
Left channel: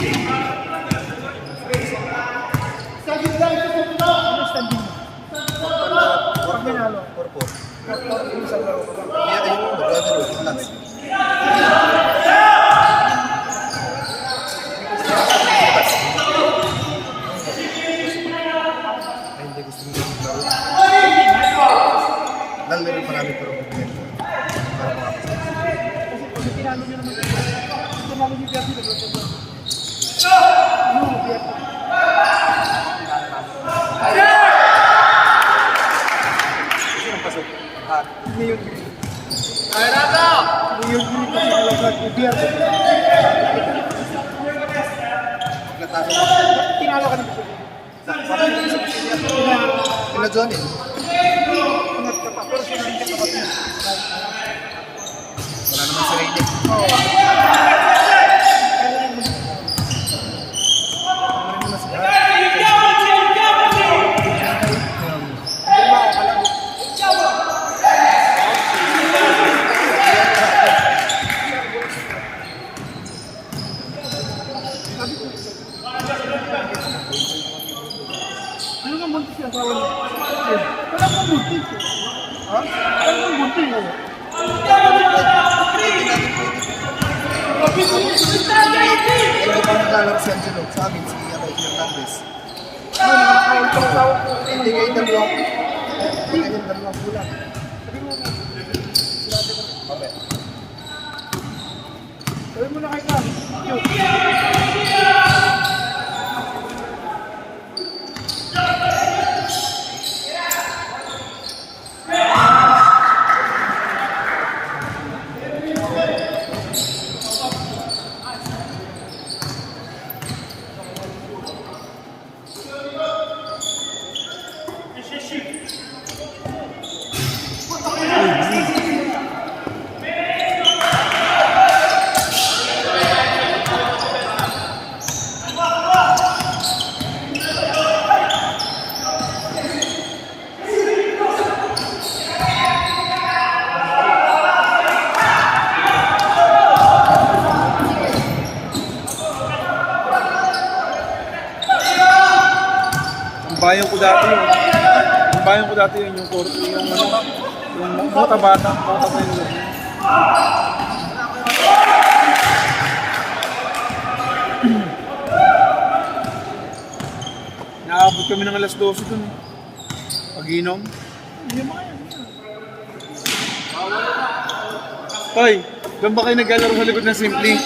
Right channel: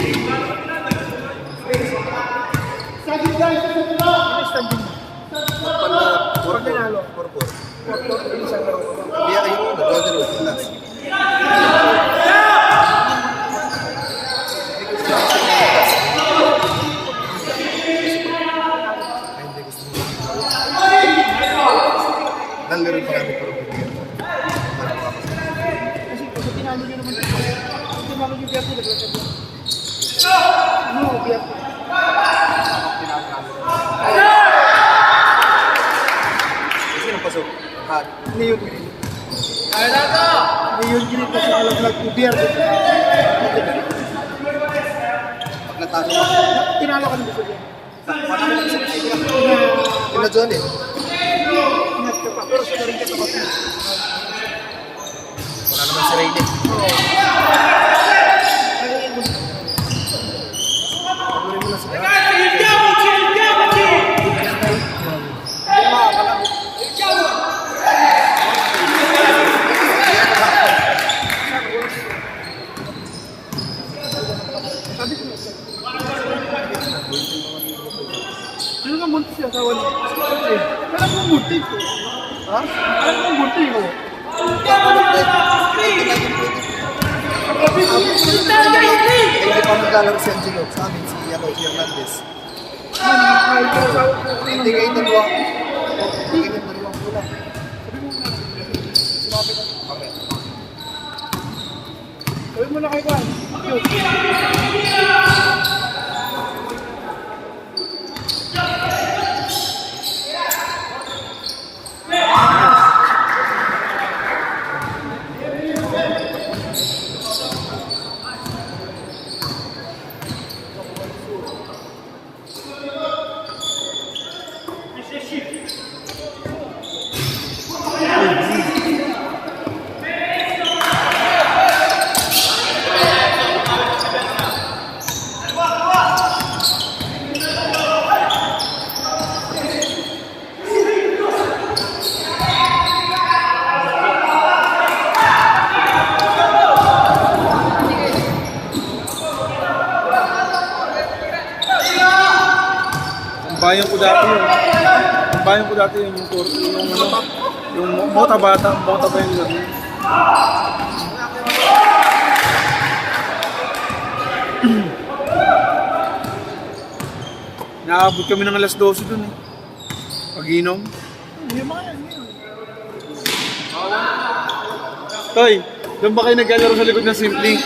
Saging guys, ito na. Ano standing mo? Pag nanalo. 4-4. Iya, ayun, nag-order with class. Lalaro pa namin pero para makapasok. Kasi tinalo nyo naman. Tinalo nyo Biyerto. Sino pasok? Leon Green. Leon Green kasi nalaglag ni Biyerto. Natalo. Tinalo ka na gusto niya. Ina John eh. Ingat ka pa. Pero siya na rin katapat mo. Wala naman si Rayleigh. Oo. Ano ka munti siya sa wala? Kailan mo munti ko? Ha? Kailan mo munti ko? Hindi pa maglalaro si Angelo. Sa amin, si Hernandez. Hindi kayo dalawang. Hindi kayo dalawang kulang. Okay. Sabi mo na kayo ka. Bayan ko dati yun. Ang bayan ko dati yun, yung bota ba yun yun. Naabot kami ng alas 12 dun. Pag-inom. Hoy, doon ba kayo naglalaro sa likod ng Simply?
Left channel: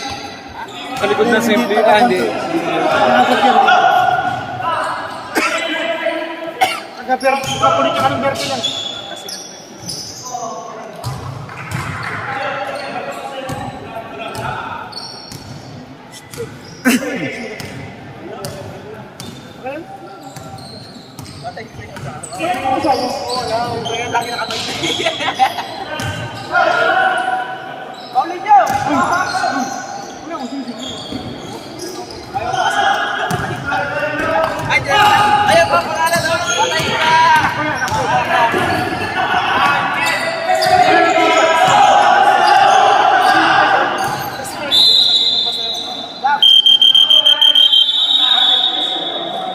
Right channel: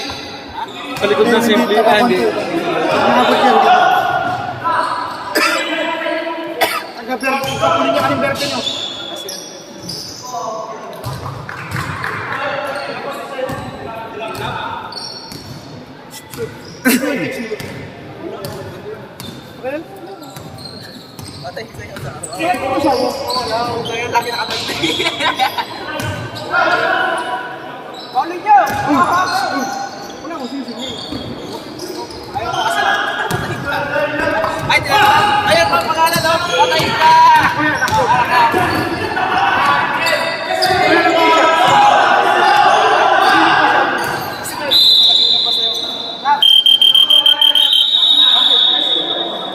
Sa likod ng Simply? Hindi. Kapunin niya ka ng Berke no?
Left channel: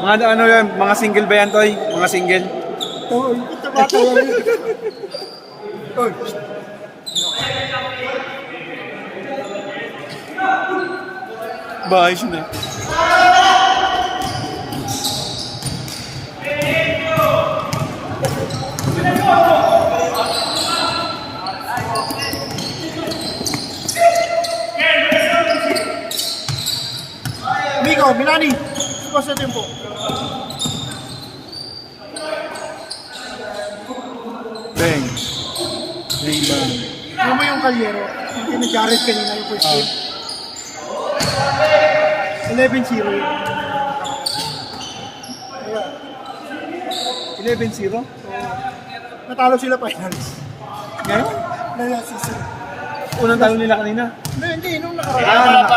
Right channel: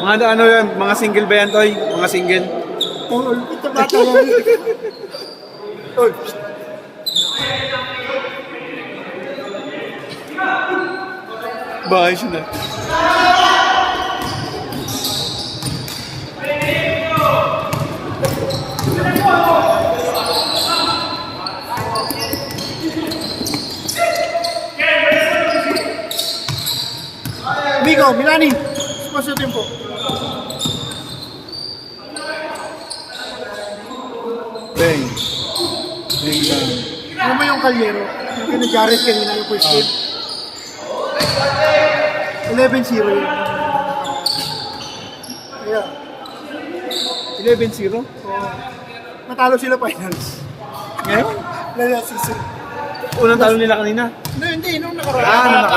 Mga ano yan, mga single ba yan, Toy? Mga single? Oo, ito bata yan. Oy. Bahay siya na. Migo, Milani. Spasyo tempo. Bang. Bang. Ano mo yung kalyero? Yung kina Jared kanina yung first game. 11-0 yun. Yeah. 11-0? Natalo sila finals. Ngayon? Last season. Unang talo nila kanina. Hindi, nung nakaraan.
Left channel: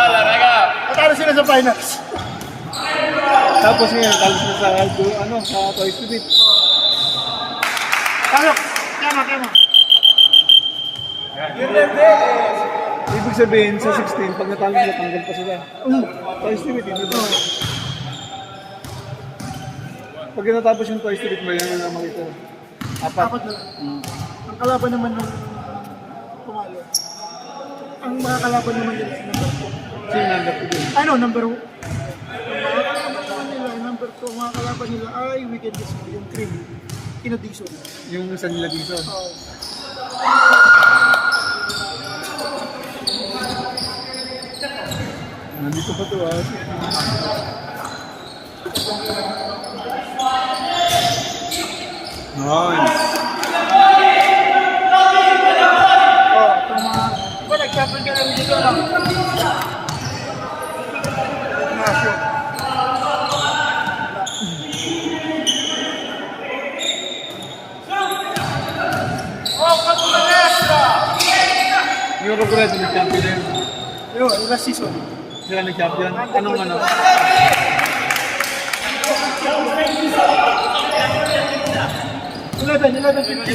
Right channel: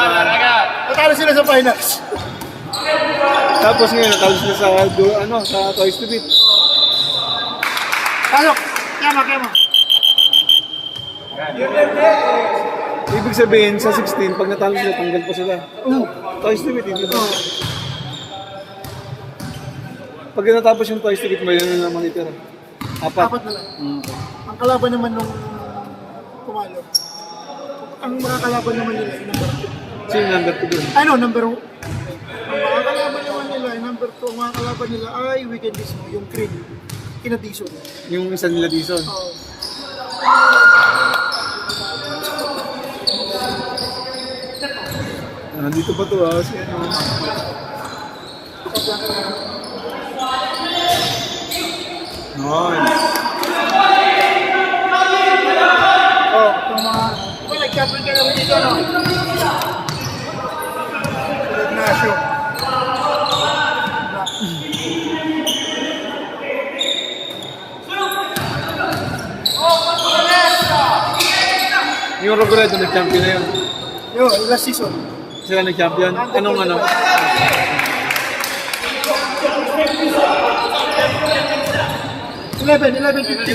Natalo sila sa finals. Tapos ngayon, natalo sila sa, sa Toys to Beat. Talo. Kama. Ibig Ibig sabihin, sa 16, pag natalo sila, tanggal pa sila. Twice limit, hindi ba? Pag natapos yung twice limit mo, yan na naman itira. Apat. Apat na lang. Ang kalaban naman nung tumalo. Ang mga kalaban naman nila ay number 2. Sino yung number 2 dun? Ano, number 1. Ang kalaban naman nila ay number 2. Ang mga kalaban nila ay Weekend Disco, yung cream. Kinadison. Yung isa nila dito. Dito pa to ah. Nice. Oh, itong mga... Well, nag-couple ka naman dito, no? Ignacio. Yung Robredo nag-champion na yun. Yun, last season. Sila nag-champion. Anong ano? Eleven, 11-15.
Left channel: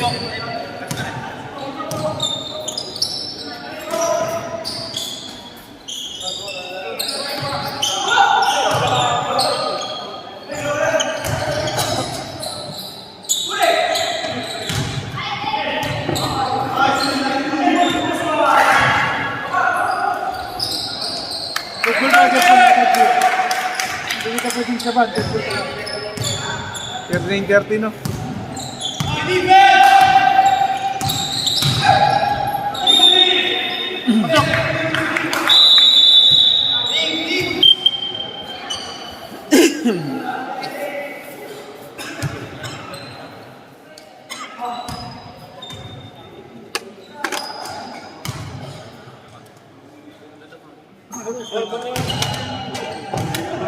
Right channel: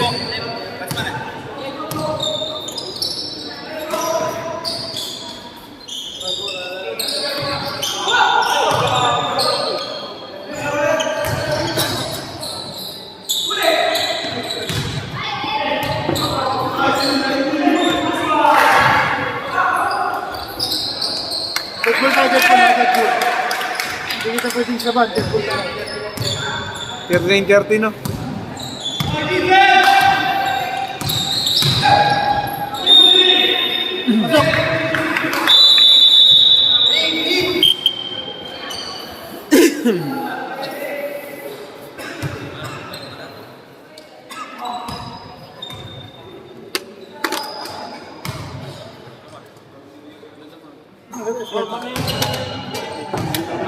Deadpool ka, Deadpool ka, Deadpool. Hindi ka pwedeng saban, Deadpool ka. 13-30 no? Pasok!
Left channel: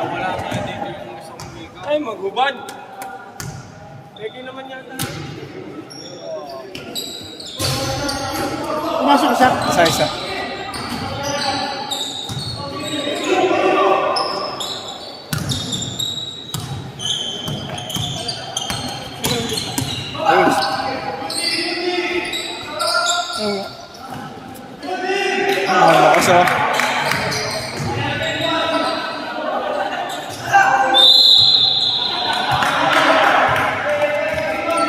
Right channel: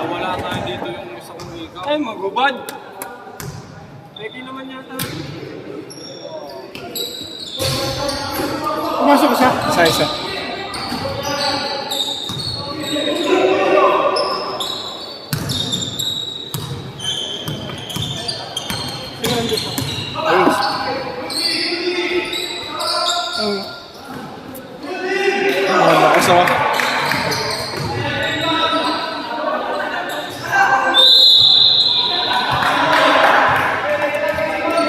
Wala nga dito yung isang umika. Ay, magubad! Ready naman yata. Pumasok ka sa... Isa-isa. Ayos. Ang lakas ah.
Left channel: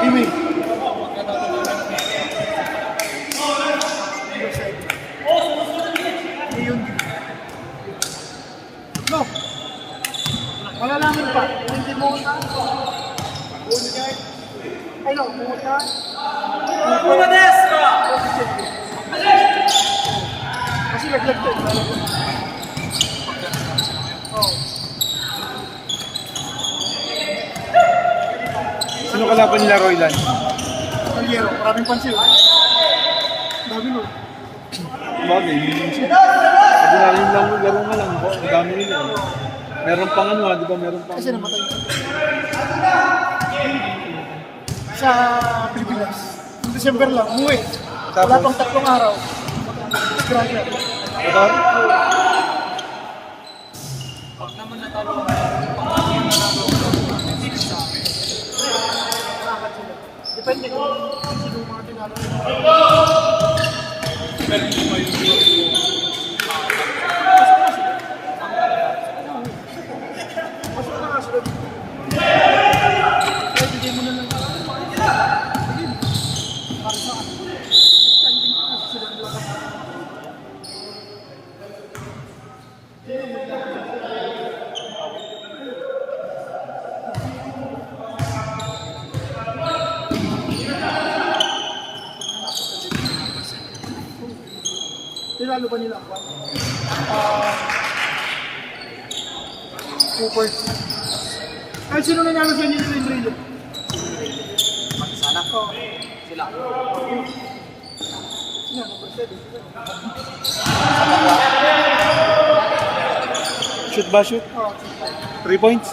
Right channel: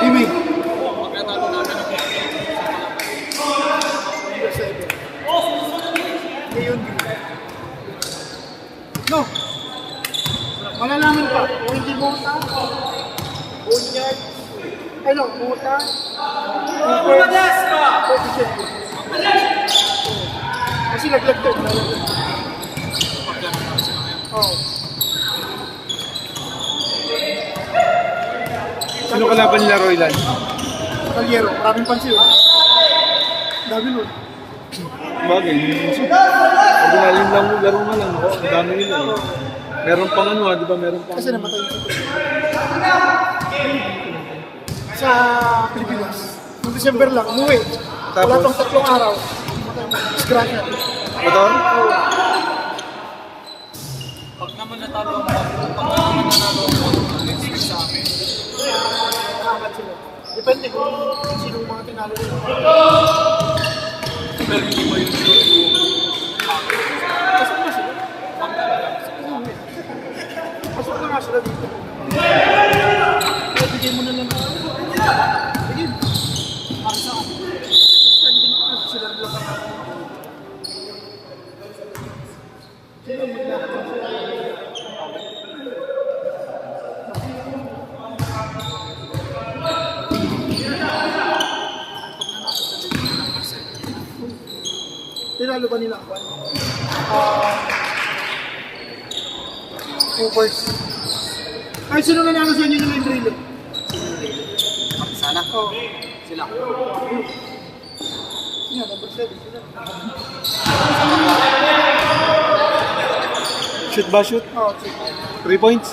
Email. Ayun. No. Malalaman ka. Kung hindi mo na. Bunyag. Ay no, pumunta. Pumadas ka! Kasi laglag to. Oh. Sino kalaban nila, Roylan? Kalyero, maraming pansin. Dami nun. Bagay, ordinaryo lang laro nga lang ako. Ang dami nila eh. Meron pang ano di ba? Meron pang... Kasi namatay yung sa Pilipinas. Noong December lang, umuwi. Wala Tapos? pang 3 araw. Disgrasya. Ito? Depende kung sino yung mga tinalo nila. Pasok na sila. Pasok na nga sila dito. Kaya bigyan mo na lang. Bigyan. Standing na sila nila. Tinalo ba nila ba? Hoopers. Ay, sino nanalo sa inyo nila yung drill? Sana. Oh. Sila. Yan, number 7 sila. Shoot ba shoot? Oh, 3 points?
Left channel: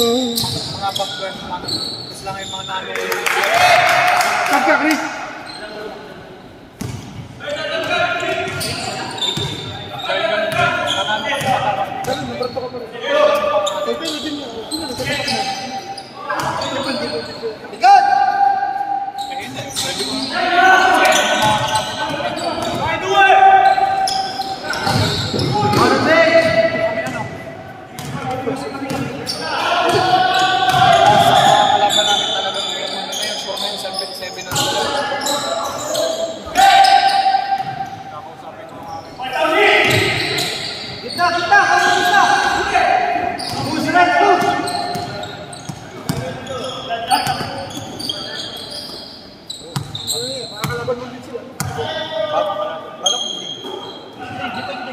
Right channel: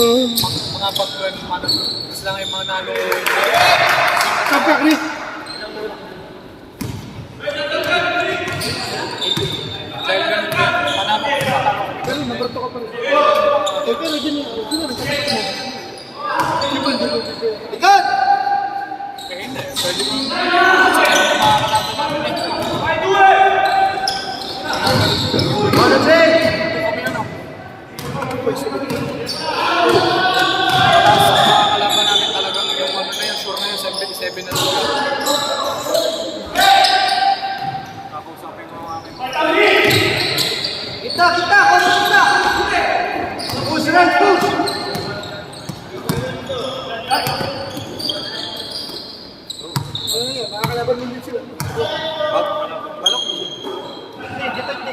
Mga pag-web man. Is lang yung mga nalo. Kapya, Chris.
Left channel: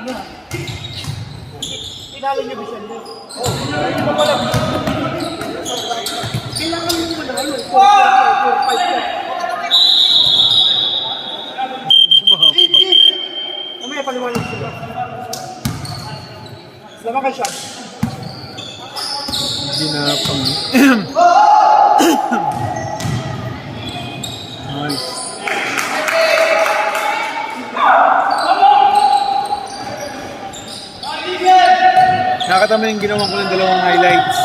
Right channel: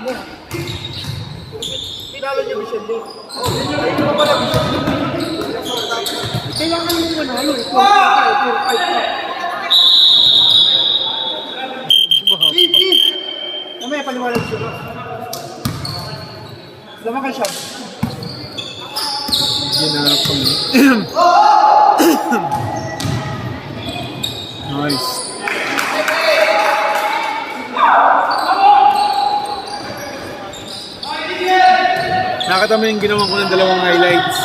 na. Tinalo niya Vicente. Ay, di ba pala Vicente? Kailangan mo muna yun. 4-5 na. Mamaya paliwanag siya. Laman ka siya. Ginapang. Nice. Nakakatama yung ginawa ko ng dalawang highlights.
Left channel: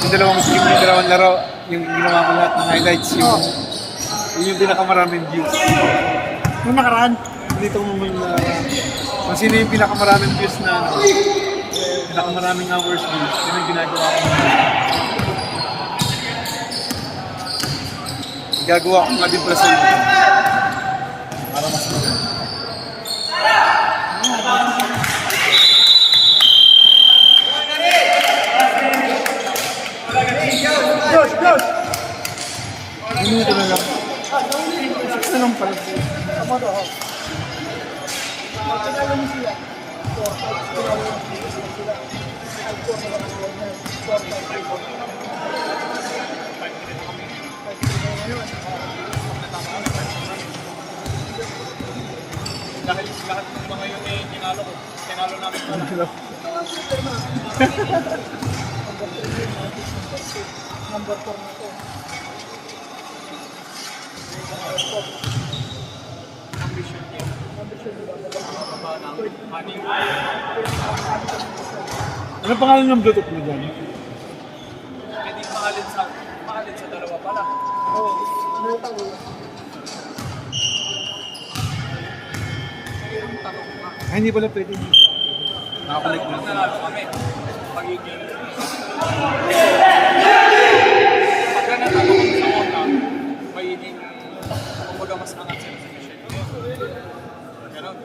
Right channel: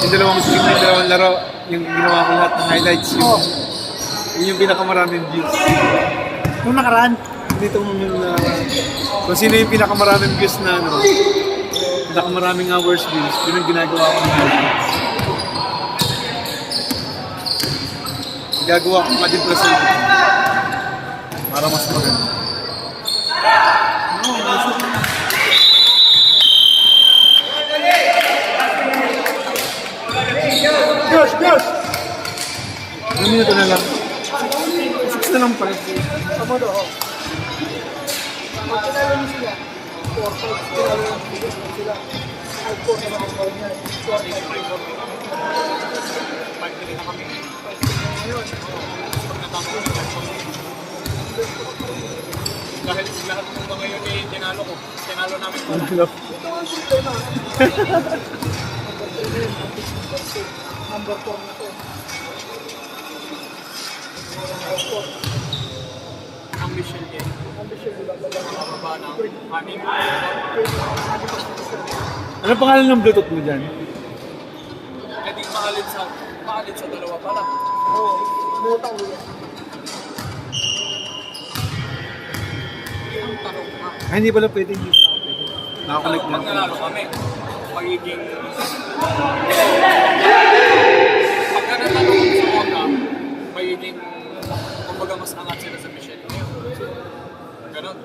Yung dalawang game, yung dalawang laro. Yung ginawa ko lahat ng highlights. Yun yung pinakamaraming views. Nung nakaraan. Dito mo muna kung sino yung pinakamaraming views na ano. Pinakamaraming hours views. Yun ang ginagawa ko. Gagawa ko nga din present. Para mas maganda. Gosh, gosh! 1 minuto na lang. 6 na lang pala. Tama daw. Pag tinalo niyo sila, 4-5 sila. 5-4 na lang ako na. Lahat ng mga yun eh, tinalo ko. Tinalo namin ko. Number 4 na to. Ang mission niya. Baba ng anim. Ano pangalan ng Bluetooth mo dyan? Pwedeng mahalin sa dalawa pala. Oo. Nuta ko yan. Yung tanong ko nga. Ay, hindi pala pwede. Nakakulik na. Pag nanalo kami, magiging... Pagka natalo sa mga, magiging... Kumbaga mas angat sila sa mission niya. Ganon.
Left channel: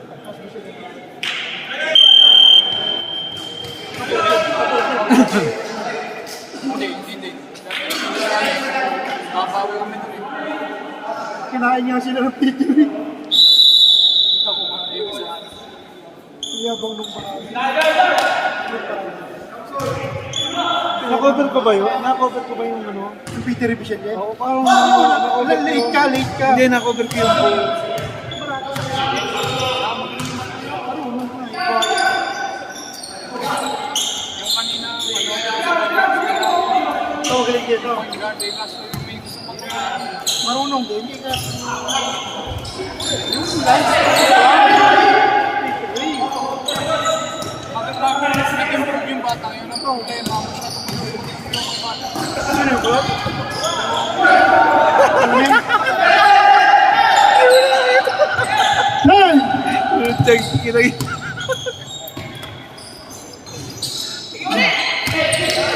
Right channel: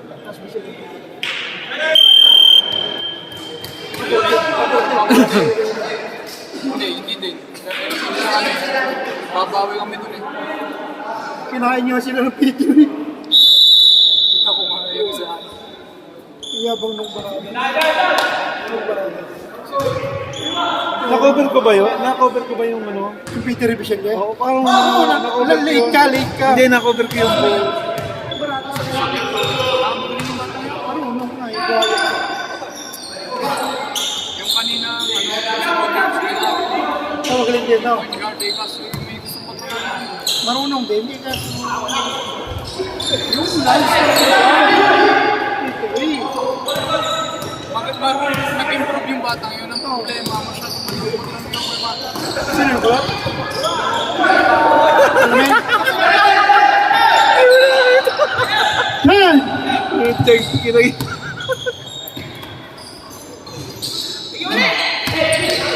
Hindi din. Babawi kami dun eh. Kinain niya sila ng PTV. Ito ko nga, yung isa. Iyabang nung baka. Na-cover ko ba yun? Na-cover ko ba yung ano? Yung Peter Revision niya? Oo, parang Late ka, late ka. Hindi, na-cover ko yung goal. Yung kanina, Magaling yan, no? Garde kasi may gusto ko pa. Marunong din. Hindi ka. Yung lance. Bakit nag-improve yung batang yun? Ang problema, masyadong Sino yung kulot? Ten! Check, kinay.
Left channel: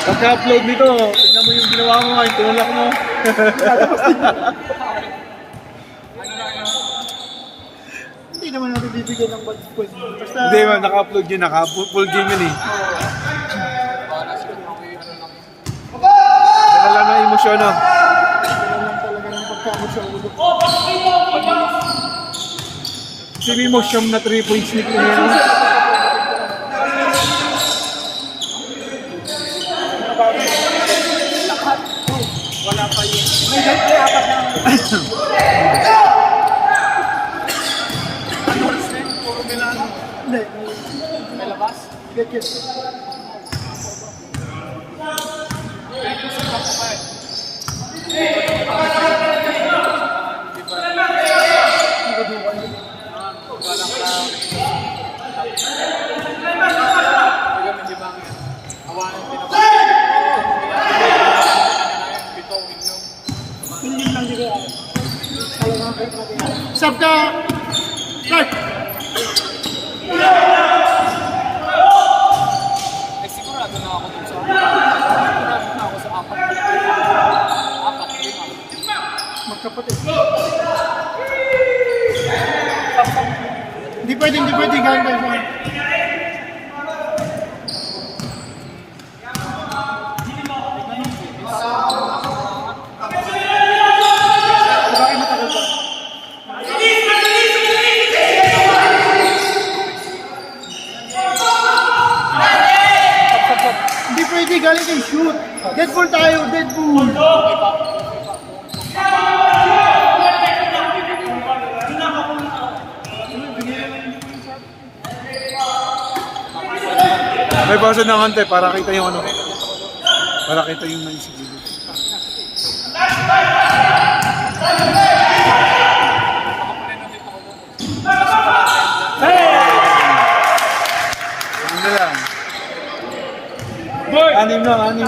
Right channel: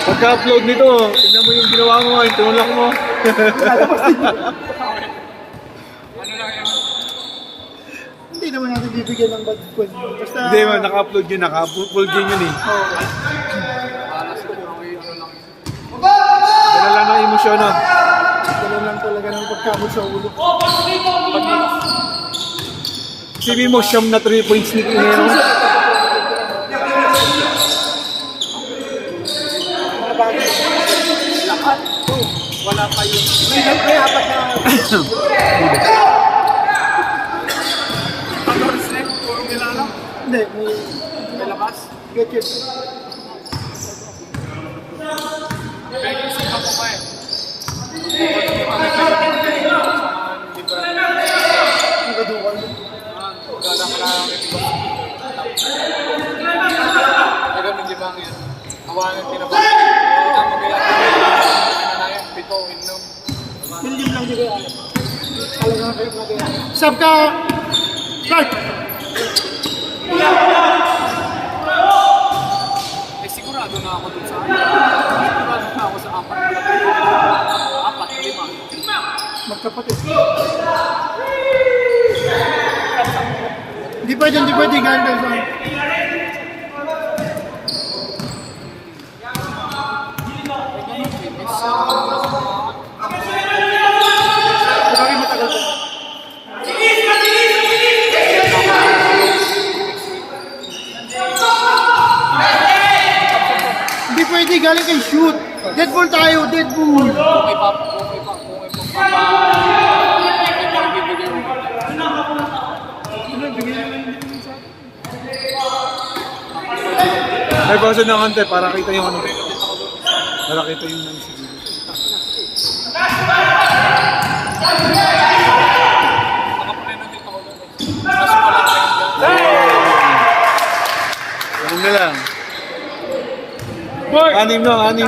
Pagka-upload nito, tignan mo yung ginawa mo, yung tinulak mo. ano lang yun? Hindi naman natin bibigyan ng budget ko. Basta... Hindi man, naka-upload yun, naka-full game yun eh. Para sa mga ano lang yun. Dala lang ng emosyon, no? Dala lang talaga ng pagkamot sa ulo. Sabi mo, siyam na 3 points ni Pino. Wala kayo. Puro Milano. Hindi, May labas. get it. Pwede sa ako pa eh. Kaya medyo bang yan? Hawanan tinapos. Pito, inom. Million lang nila. Sab ka! Start! Eh sigurado na ako dun sa sigurado na ako sa 4, 5. Magkapatid. Hindi pwede ganda sa... Bakit matagal to? galing kay shoot. Deadpool tayo, Deadpool. May basa ng ante para kita yung ano. Para kita yung man siguro. Ano na yan? Anim na, anim.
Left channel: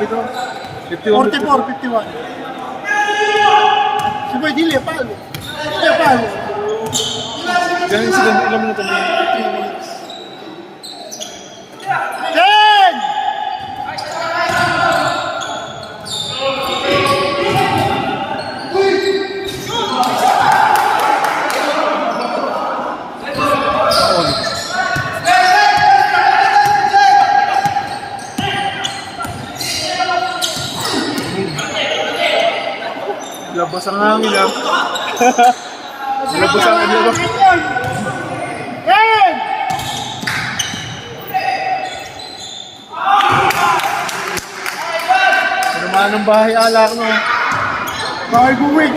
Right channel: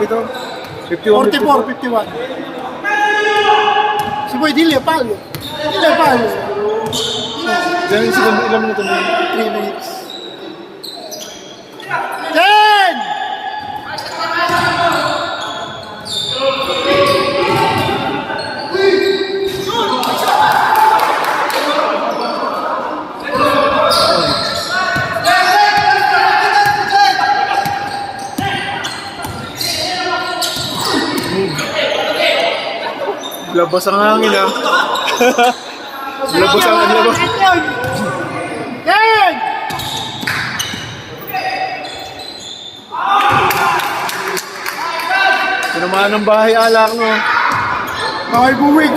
Pito. 51, 44, 51. Si Boy Dile, palo. Dile, palo. Diyan yung segundo, ilang minuto na yun? 3 minutes. 10! Labas ang hangin ah. Labas ang labas. 10! Naman ng bahay alak mo. Bakay buwig.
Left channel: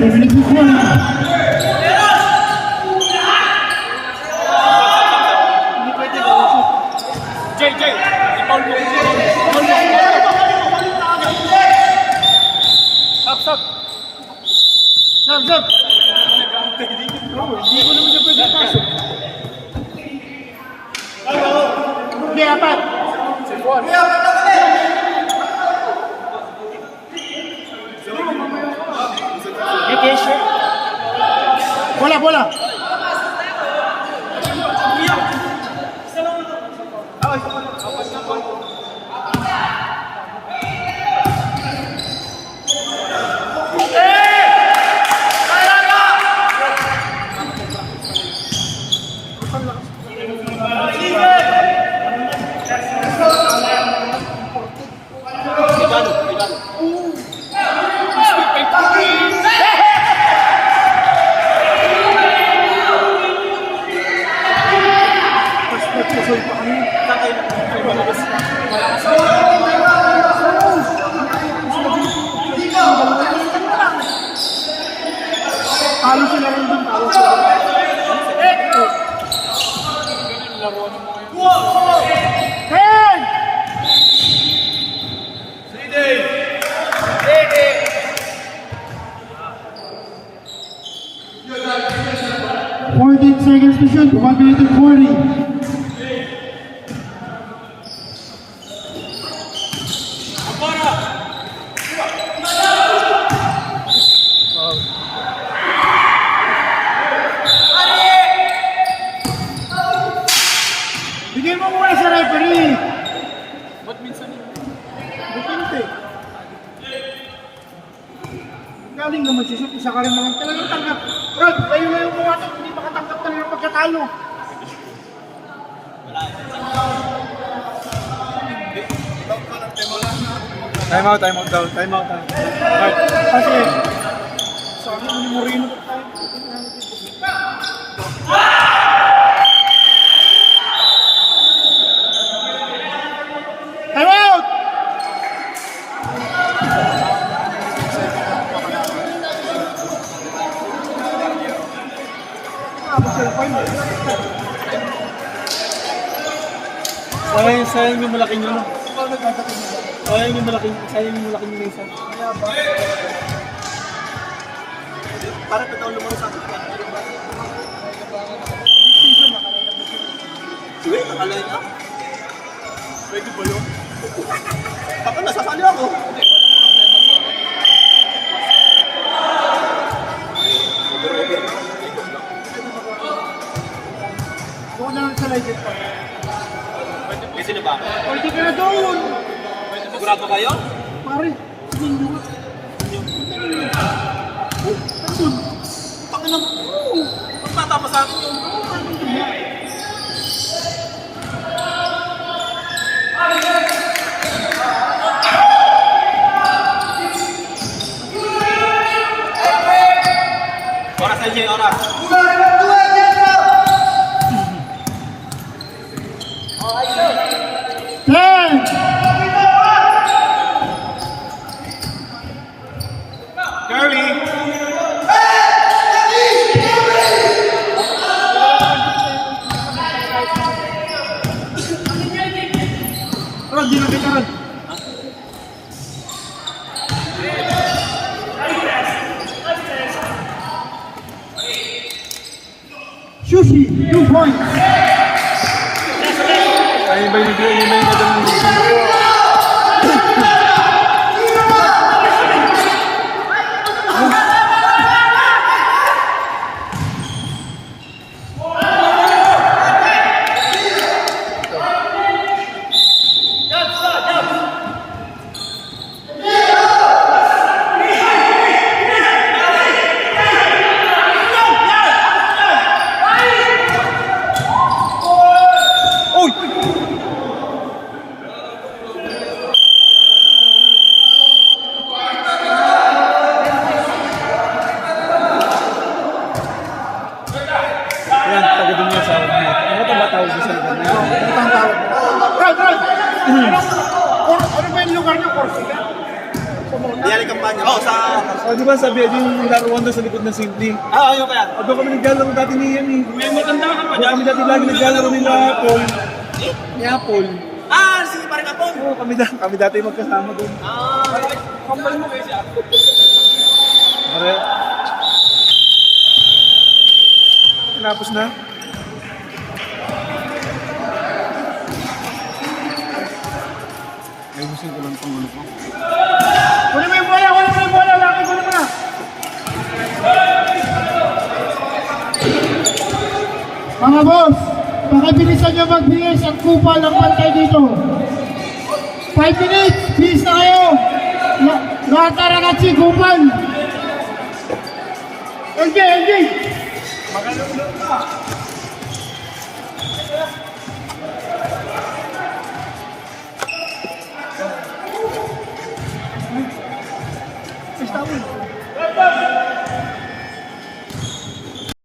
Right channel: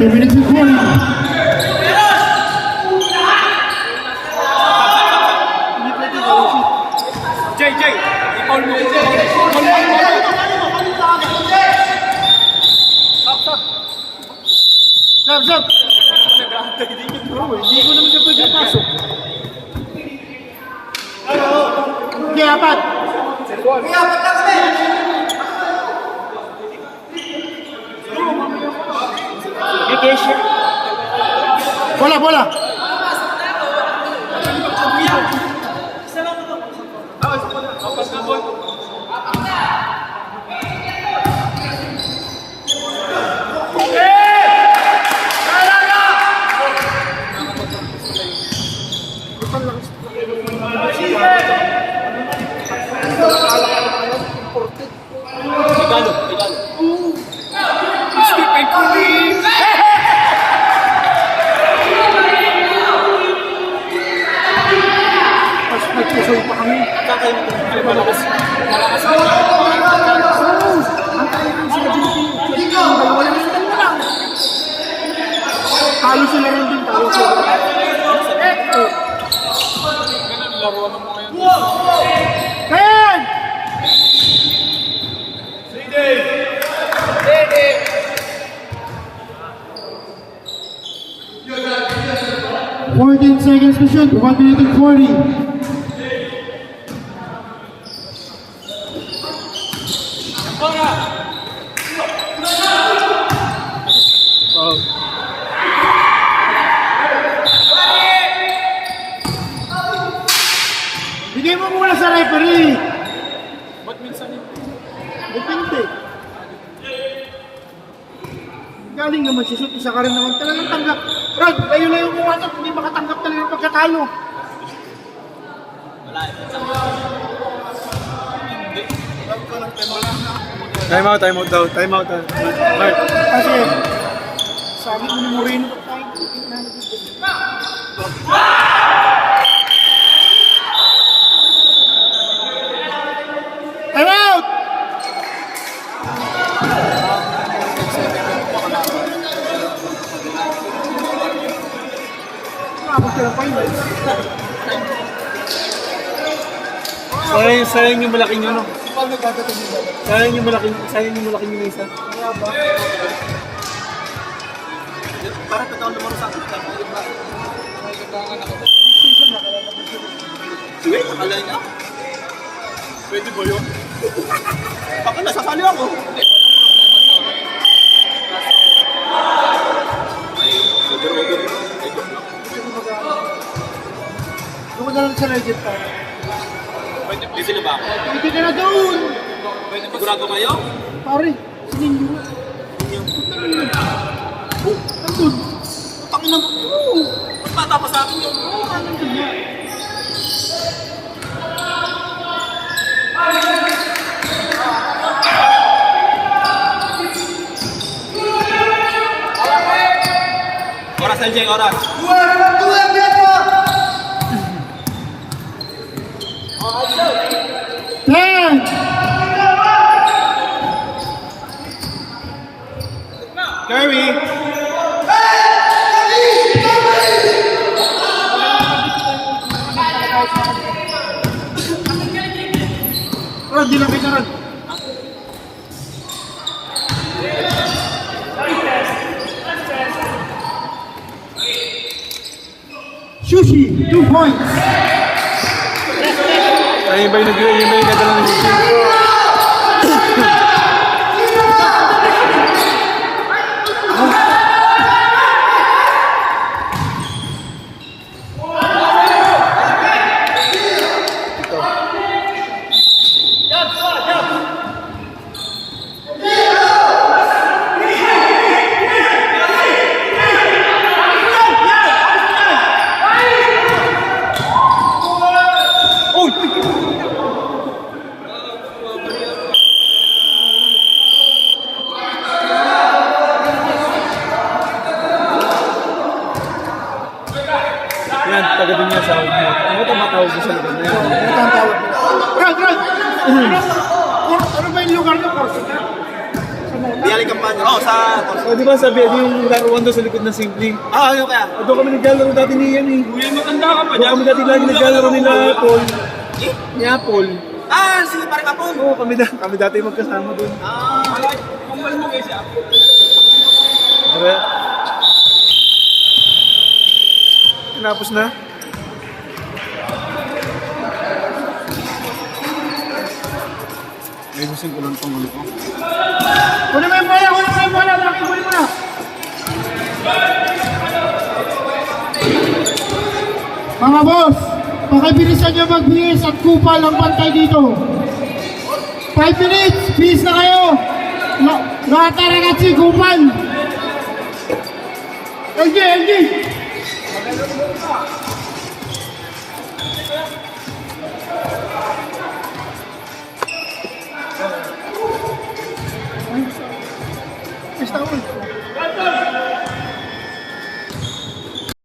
Minutes and 20. Jay, i-foul mo. Stop. Stop. Hindi, apat. Bola. Seconds to shoot, 1 minute and 40. Bigay mo muna sa referee. Ba't minsan yun? Depende. Galing naman si Shoot, isa ka rin naman talagang tanggap. Rod, kayo na yung bumatot, hindi makatanggap talaga yung pagkatalo. Time out daw. Time out. Kasi, sabi mo ni Moreno pa tayo. Time out! Sayang yung malaking yun. Sayang yung malaking yun isa. Parang totoo naman sa akin. Wait, akala niya? Pwede ba yun? Baka nasasali ako. legit pa. Busy na ba? Pwede ka na doon. Sigurado kayo? Pare, sininyo nga. Tangin na. Tatapos sa akin yun. Oras LJ, oras. Ten. Curry. Oh, di na kita rin. Sushi, 2 points. Ay, ba yung nagdala ng yan, taga din niya sa umot. Ano ito matawag sa lugar na yan? Ito ang tawag. Brad! Ano ba yung lugar niyo? Corsica? Diali kampanya. Oh, sa... O, di ba sabi, yung laruan doon sa likod ng Simply? Ah, ayun kaya. O, doon kami naglalaro dati ni yan eh. Uy, maganda ka pa Doon kami dati lagi naglalaro nila Apple. Ni Apple. Ah, sige, parang kapon. Oo, kami dati magkasama doon. Ah, Kambal mo kasi ako. Pare. Tinapos na. Ay, gusto ko lang pangulo ko. Kunin mo yung kaya, kunin mo yung bola, laki, kunin mo na. Mga boss, pakibilisan nyo magbihis at kupal ang pantay dito. 5 minutes, bis na